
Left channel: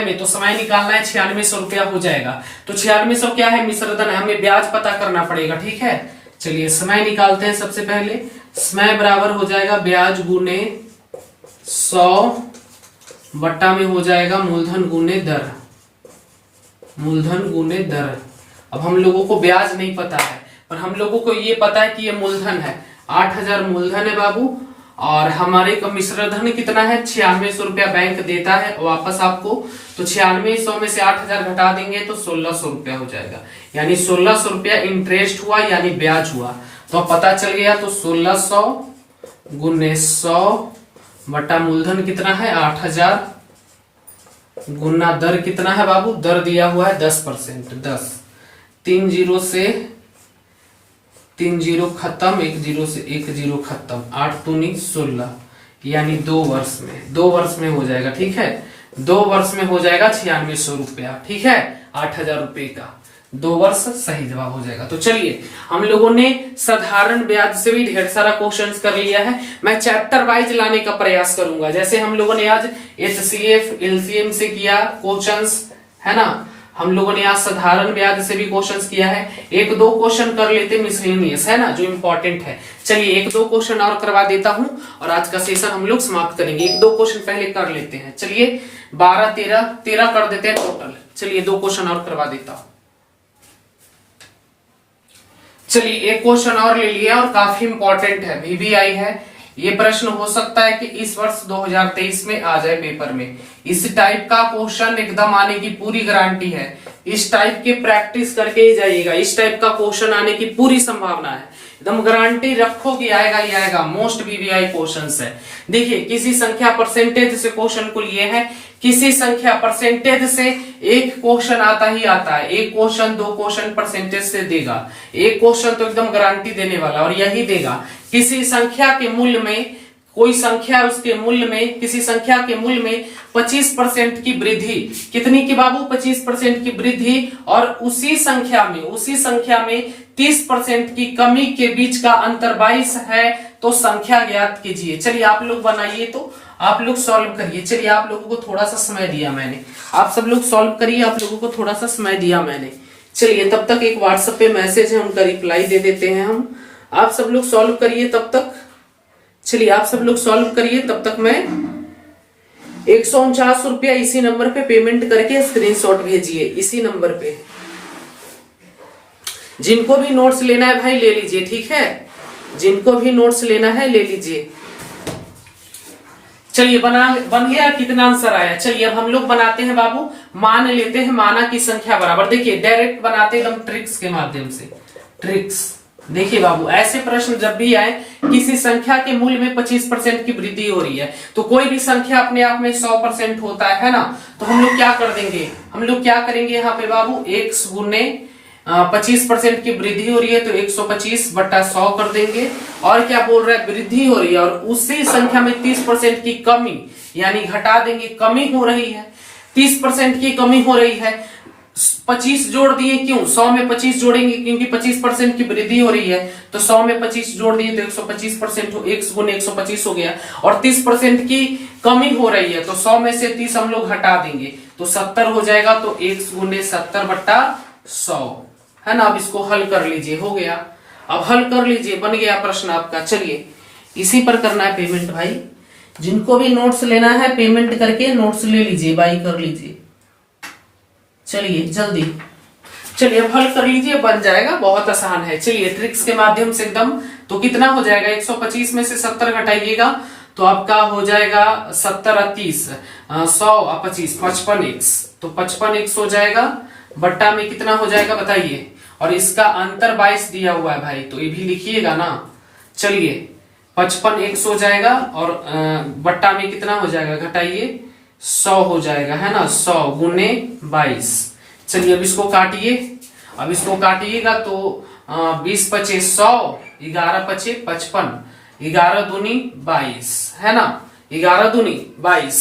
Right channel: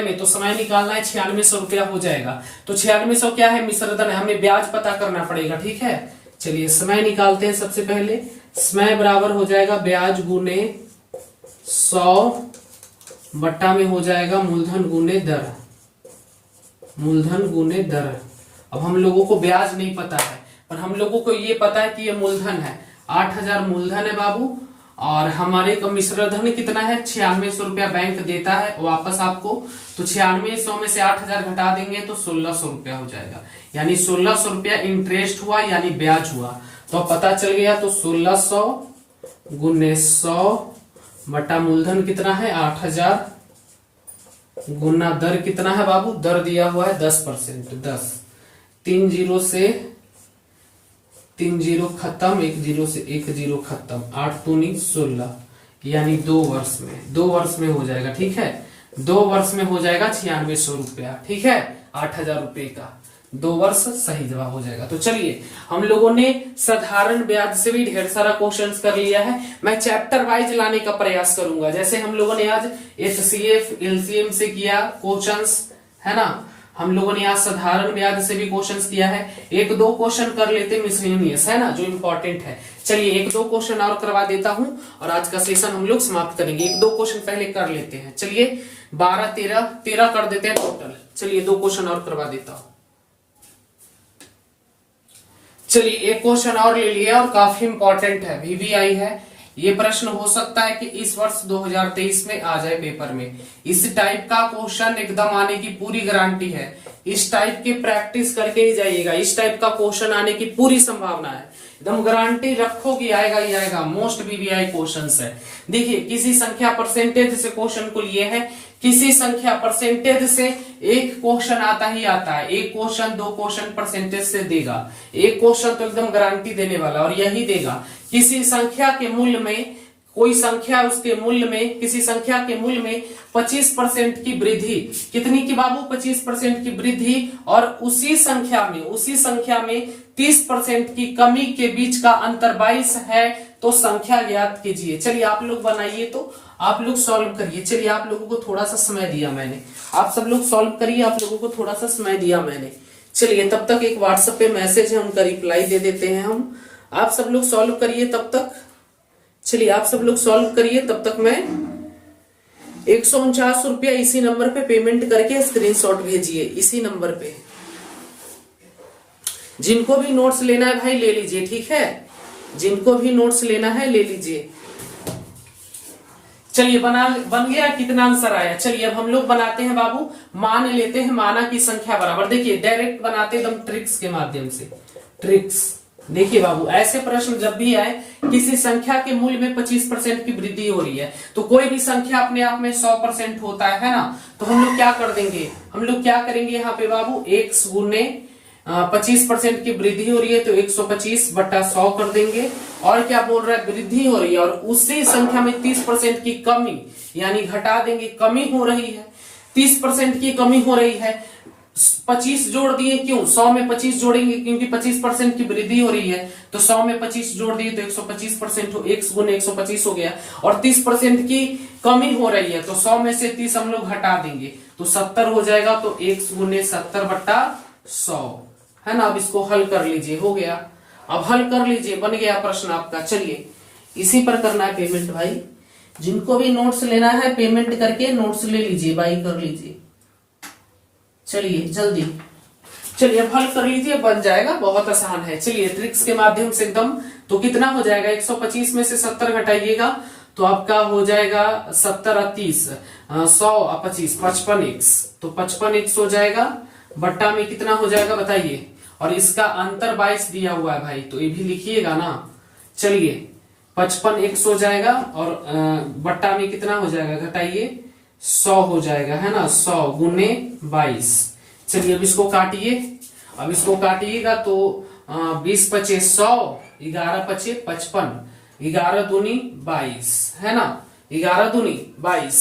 में, तो समय निकालना है, 9600 रुपया हो जाएगा। तो 9600 क्या है? मिश्र धन है, हमें ब्याज पता करना पड़ेगा, ठीक है। चलिए समय निकालते हैं। सबसे पहले समय बराबर हो जाएगा ब्याज गुने 100 बट्टा में हो जाएगा मूलधन गुने दर, मूलधन गुने दर। अब हम लोगों को ब्याज नहीं पता है, पर हम लोगों को ये पता है कि ये मूलधन है, 8,000 मूलधन है बाबू, और हमारे का मिश्र धन कितना है? 9600 रुपया बैंक देता है वापस आपको, तो 9600 में से 8,000 घटा देंगे तो 1,600 रुपया हो जाएगा, यानी 1,600 रुपया इंटरेस्ट हुआ, यानी ब्याज हुआ। तो पता चल गया, तो 1,600 गुने 100 बटा मूलधन कितना है? 8,000 गुना दर कितना है बाबू? दर दिया हुआ है 10%, 10, 3 0 से 3 जीरो खत्म, 1 जीरो से 1 जीरो खत्म, 8 दूनी 16, यानी 2 वर्ष में, 2 वर्ष में हो जाएगा। ठीक है, 2 वर्ष में हो जाएगा 9600 रुपया। ठीक है, 8000 रुपए का 2 वर्ष सही जवाब हो जाएगा। तो चलिए हम लोगों ने साधारण ब्याज से भी ढेर सारा क्वेश्चंस कर लिया है। मैं चैप्टर वाइज लाने का प्रयास करूंगा। जैसे हम लोगों ने आज HCF LCM से किया क्वेश्चंस, है ना। हम लोगों ने आज साधारण ब्याज से भी क्वेश्चंस किया है। 1-2 क्वेश्चन कर लेते मिसलेनियस, है ना, जो इंपॉर्टेंट है। चलिए 1-2 क्वेश्चन और करवा देता हूं और आज का सेशन हम लोग समाप्त करेंगे। 1-2 क्वेश्चन पहले कर लेते हैं। चलिए 12 13 कर देते हैं टोटल। चलिए 2 क्वेश्चन और करवा देता हूं। चलिए एक क्वेश्चन और ले लिया और काफी इंपॉर्टेंट है, VVI है। ये प्रश्न हो सकता है कि इस वर्ष 2023 में आ जाए पेपर में। इस टाइप का क्वेश्चन एकदम आने की पूरी गारंटी है। इस टाइप के प्रैक्टिस करके ही जाइएगा। इस टाइप का क्वेश्चन आने की पूरी संभावना है, एकदम गारंटी रखो कि आएगा ही आएगा। मोस्ट VVI क्वेश्चंस है। देखिए किसी संख्या परसेंटेज से क्वेश्चन को लिए है, किसी संख्या परसेंटेज से एक क्वेश्चन आता ही आता है। एक क्वेश्चन 2 क्वेश्चन परसेंटेज से देगा, एक क्वेश्चन तो एकदम गारंटी देने वाला और यही देगा। किसी संख्या के मूल्य में, कोई संख्या उसके मूल्य में, किसी संख्या के मूल्य में 25% की वृद्धि, कितनी की बाबू, 25% की वृद्धि, और उसी संख्या में 30% की कमी के बीच का अंतर 22 है, तो संख्या ज्ञात कीजिए। चलिए आप लोग बनाइए, तो आप लोग सॉल्व करिए। चलिए आप लोगों को थोड़ा सा समय दिया मैंने, आप सब लोग सॉल्व करिए, आप लोगों को थोड़ा सा समय दिया मैंने। चलिए तब तक एक व्हाट्सएप पे मैसेज है, उनका रिप्लाई दे देते हैं हम। आप सब लोग सॉल्व करिए तब तक। चलिए आप सब लोग सॉल्व करिए तब तक। मैं 149 रुपया इसी नंबर पे पेमेंट करके स्क्रीनशॉट भेजिए, इसी नंबर पे। जिनको भी नोट्स लेना है भाई ले लीजिए, ठीक है, जिनको भी नोट्स लेना है ले लीजिए। चलिए बन गया, कितना आंसर आया। चलिए अब हम लोग बनाते हैं बाबू, मान लेते हैं माना की संख्या बराबर। देखिए डायरेक्ट बनाते हैं एकदम ट्रिक्स के माध्यम से, ट्रिक्स। देखिए बाबू ऐसे प्रश्न जब भी आए, किसी संख्या के मूल्य में 25% की वृद्धि हो रही है, तो कोई भी संख्या अपने आप में 100% होता है ना, तो हम लोग क्या कर देंगे, हम लोग क्या करेंगे यहाँ पे बाबू, 1 गुने 25% की वृद्धि हो रही है तो 125/100 कर देंगे। और क्या बोल रहा है, वृद्धि हो रही है और उसी संख्या में 30% की कमी, यानी घटा देंगे, कमी हो रही है, 30% की कमी हो रही है। 25 जोड़ दिए, क्यों, 100 में 25 जोड़ेंगे क्योंकि 25% की वृद्धि हो रही है, तो 100 में 25 जोड़ दिए तो 125% हो, 1 गुने 125 हो गया। और 30% की कमी हो रही है तो 100 में से 30 हम लोग हटा देंगे तो 70 हो जाएगा, तो 1 गुने 70/100, है ना। अब इसको हल कर लीजिए, हो गया। अब हल कर लीजिए, बन गया प्रश्न आपका। चलिए इसी पर करना है पेमेंट भाई। जिनको भी नोट्स लेना है पेमेंट करके नोट्स ले लीजिए, बाई कर लीजिए। चलिए जल्दी, चलिए अब हल कर लीजिए, बन जाएगा, बहुत आसान है। चलिए ट्रिक्स के माध्यम से एकदम, तो कितना हो जाएगा, 125 में से 70 घटाइएगा तो आपका हो जाएगा 70 और 30, 100 और 25, 55x, तो 55x हो जाएगा। बट्टा में कितना हो जाएगा बताइए, और इसका अंतर 22 दिया हुआ है भाई, तो ये भी लिखिएगा ना। चलिए 55x हो जाएगा और बट्टा में कितना हो जाएगा, घटाइए, 100 हो जाएगा, है ना, 100 गुने 22। चलिए अब इसको काटिए, अब इसको काटिएगा तो 20 पचे 100, 11 पचे 55, 11 दूनी 22, है ना, 11 दूनी 22,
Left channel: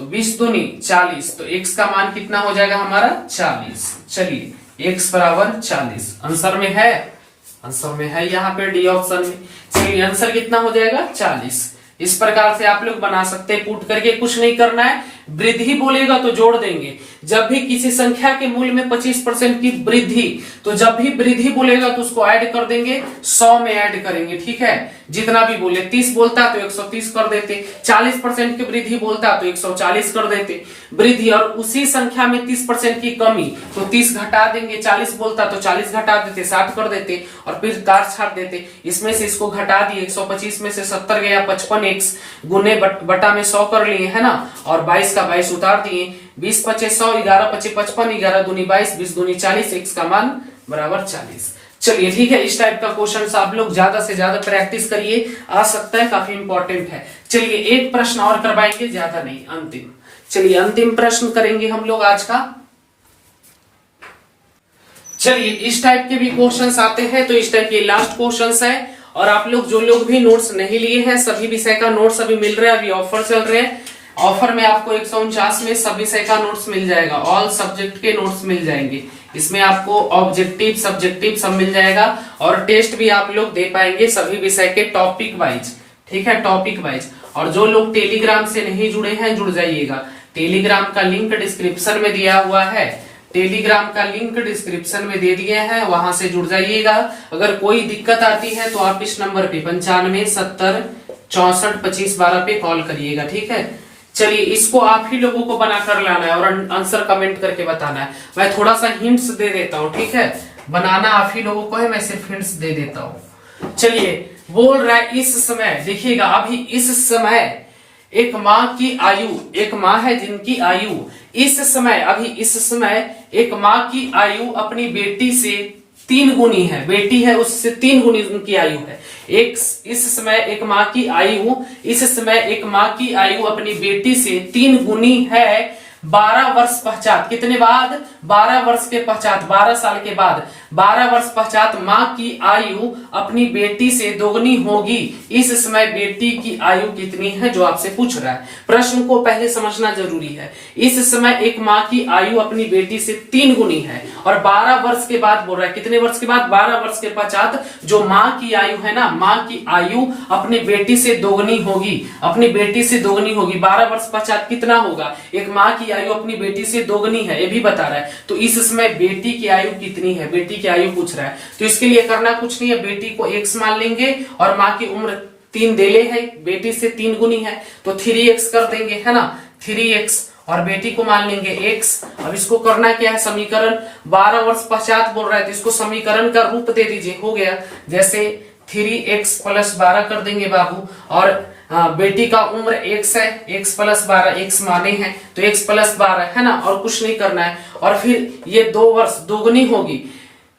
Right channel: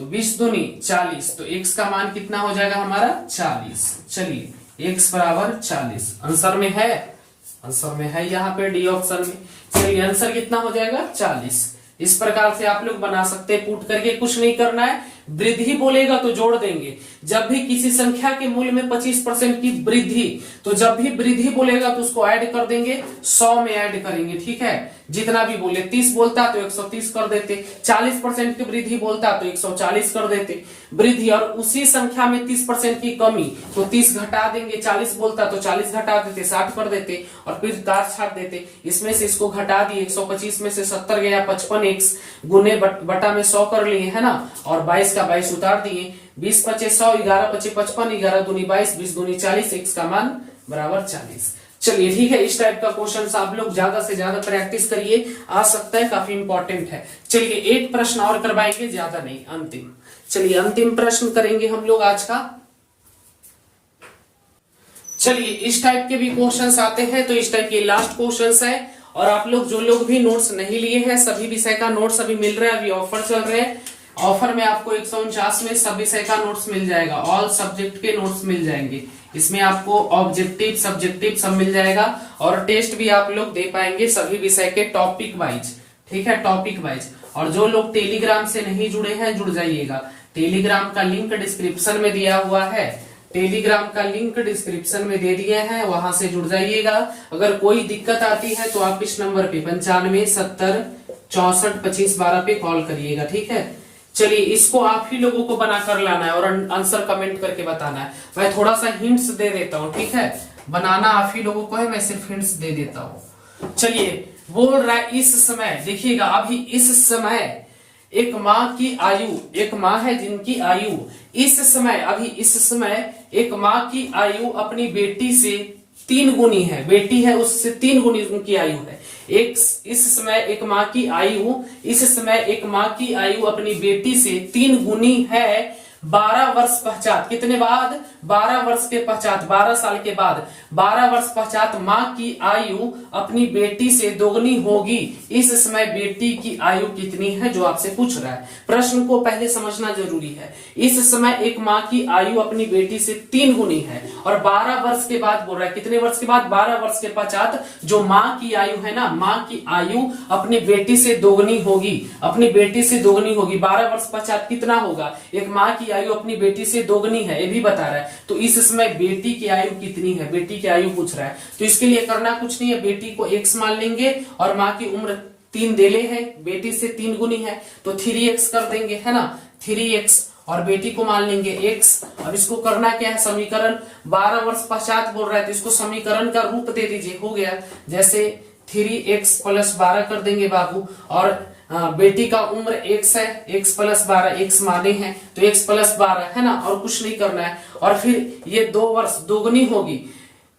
तो 20 दूनी 40, तो x का मान कितना हो जाएगा हमारा 40। चलिए x बराबर 40 आंसर में है, आंसर में है यहाँ पे डी ऑप्शन में। चलिए आंसर कितना हो जाएगा 40। इस प्रकार से आप लोग बना सकते हैं, पुट करके कुछ नहीं करना है। वृद्धि बोलेगा तो जोड़ देंगे, जब भी किसी संख्या के मूल्य में 25% की वृद्धि, तो जब भी वृद्धि बोलेगा तो उसको ऐड कर देंगे, 100 में ऐड करेंगे, ठीक है, जितना भी बोले। 30 बोलता तो 130 कर देते, 40% की वृद्धि बोलता तो 140 कर देते वृद्धि, और उसी संख्या में 30% की कमी तो 30 घटा देंगे, 40 बोलता तो 40 घटा देते, 60 कर देते और फिर काट छाट देते। इसमें से इसको घटा दिए, 125 में से 70 गया, 55x गुने बटा में 100 कर लिए, है ना, और 22 का 22 उतार दिए, 20 पचे 100, 11 पचे 55, 11 दूनी 22, 20 दूनी 40, x का मान बराबर 40। चलिए ठीक है, इस टाइप का क्वेश्चन आप लोग ज्यादा से ज्यादा प्रैक्टिस करिए, आ सकता है, काफी इंपॉर्टेंट है। चलिए एक प्रश्न और करवाएंगे, ज्यादा नहीं, अंतिम। चलिए अंतिम प्रश्न करेंगे हम लोग आज का। चलिए इस टाइप के भी क्वेश्चंस आते हैं, तो इस टाइप के लास्ट क्वेश्चंस है। और आप लोग जो लोग भी नोट्स नहीं लिए हैं, सभी विषय का नोट्स अभी मिल रहा है, अभी ऑफर चल रहे हैं। ऑफर में आपको 149 में सभी विषय का नोट्स मिल जाएगा, ऑल सब्जेक्ट के नोट्स मिल जाएंगे। इसमें आपको ऑब्जेक्टिव सब्जेक्टिव सब मिल जाएगा, और टेस्ट भी आप लोग दे पाएंगे सभी विषय के टॉपिक वाइज, ठीक है, टॉपिक वाइज। और जो लोग टेलीग्राम से नहीं जुड़े हैं, जुड़ जाइएगा। टेलीग्राम का लिंक डिस्क्रिप्शन में दिया हुआ है, टेलीग्राम का लिंक डिस्क्रिप्शन में दे दिए हैं, वहां से जुड़ जाइएगा। अगर कोई दिक्कत आती है तो आप इस नंबर पे 95 70 64 25 12 पे कॉल करिएगा, ठीक है। चलिए इसको आप ही लोगों को बनाकर लाना है और आंसर कमेंट करके बताना है। मैं थोड़ा सा हिंट्स दे देता हूँ, ठीक है, बनाना आप ही लोगों को है, मैं सिर्फ हिंट्स दे देता हूँ। चलिए बोल रहा है इस समय, देखिएगा अभी इस समय एक माँ की आयु, एक माँ है जिनकी आयु इस समय, अभी इस समय एक माँ की आयु अपनी बेटी से 3 गुनी है, बेटी है उससे 3 गुनी उनकी आयु है। इस समय एक माँ की आयु, इस समय एक माँ की आयु अपनी बेटी से 3 गुनी है 12 वर्ष पश्चात। कितने बाद? 12 वर्ष के पश्चात, 12 साल के बाद, 12 वर्ष पश्चात माँ की आयु अपनी बेटी से दोगुनी होगी। इस समय बेटी की आयु कितनी है, जो आपसे पूछ रहा है। प्रश्न को पहले समझना जरूरी है। इस समय एक माँ की आयु अपनी बेटी से 3 गुनी है, और 12 वर्ष के बाद बोल रहा है, कितने वर्ष के बाद? 12 वर्ष के पश्चात जो माँ की आयु है ना, माँ की आयु अपनी बेटी से दोगुनी होगी, अपनी बेटी से दोगुनी होगी। 12 वर्ष पश्चात कितना होगा? एक माँ की आयु अपनी बेटी से दोगुनी है, ये भी बता रहा है। तो इस समय बेटी की आयु कितनी है, बेटी की आयु पूछ रहा है। तो इसके लिए करना कुछ नहीं है, बेटी को x मान लेंगे और माँ की उम्र 3 देले है, बेटी से 3 गुनी है, तो 3x कर देंगे, है ना, 3x, और बेटी को मान लेंगे x। अब इसको करना क्या है, समीकरण 12 वर्ष पश्चात बोल रहा है, तो इसको समीकरण का रूप दे दीजिए, हो गया। जैसे 3x + 12 कर देंगे बाबू, और बेटी का उम्र x है, x + 12, x माने हैं तो x + 12 है ना, और कुछ नहीं करना है। और फिर ये 2 वर्ष दोगुनी होगी,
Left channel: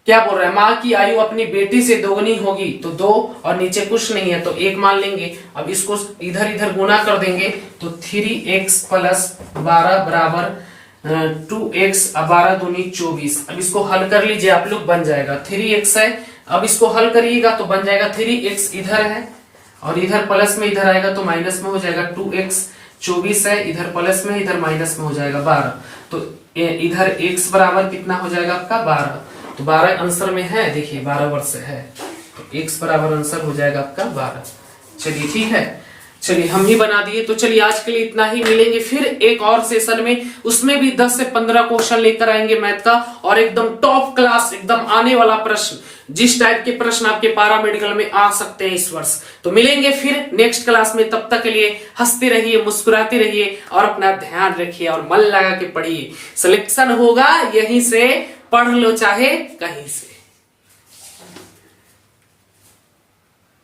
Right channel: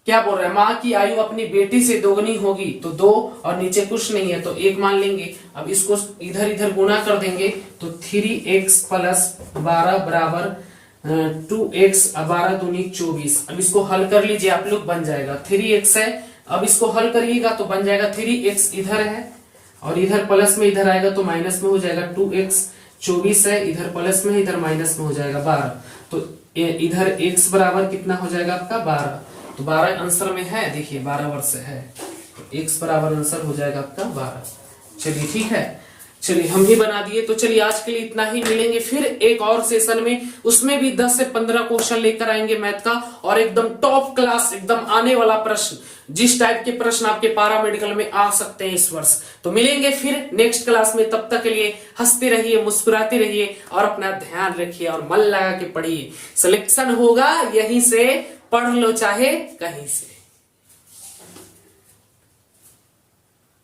क्या बोल रहा है, माँ की आयु अपनी बेटी से दोगुनी होगी, तो 2 और नीचे कुछ नहीं है तो 1 मान लेंगे। अब इसको इधर इधर गुना कर देंगे, तो 3x + 12 बराबर 2x, 12 दूनी 24। अब इसको हल कर लीजिए आप लोग, बन जाएगा 3x है। अब इसको हल करिएगा तो बन जाएगा 3x इधर है, और इधर प्लस में इधर आएगा तो माइनस में हो जाएगा 2x, 24 है, इधर प्लस में इधर माइनस में हो जाएगा 12। तो इधर x बराबर कितना हो जाएगा आपका 12, तो 12 आंसर में है, देखिए 12 वर्ष है, तो x बराबर आंसर हो जाएगा आपका 12। चलिए ठीक है, चलिए हम भी बना दिए। तो चलिए आज के लिए इतना ही, मिलेंगे फिर एक और सेशन में, उसमें भी 10 से 15 क्वेश्चन लेकर आएंगे मैथ का, और एकदम टॉप क्लास, एकदम आने वाला प्रश्न, जिस टाइप के प्रश्न आपके पारा मेडिकल में आ सकते हैं इस वर्ष। तो मिलेंगे फिर नेक्स्ट क्लास में, तब तक के लिए हंसते रहिए, मुस्कुराते रहिए, और अपना ध्यान रखिए और मन लगा के पढ़िए। सिलेक्शन होगा यहीं से, पढ़ लो चाहे कहीं से।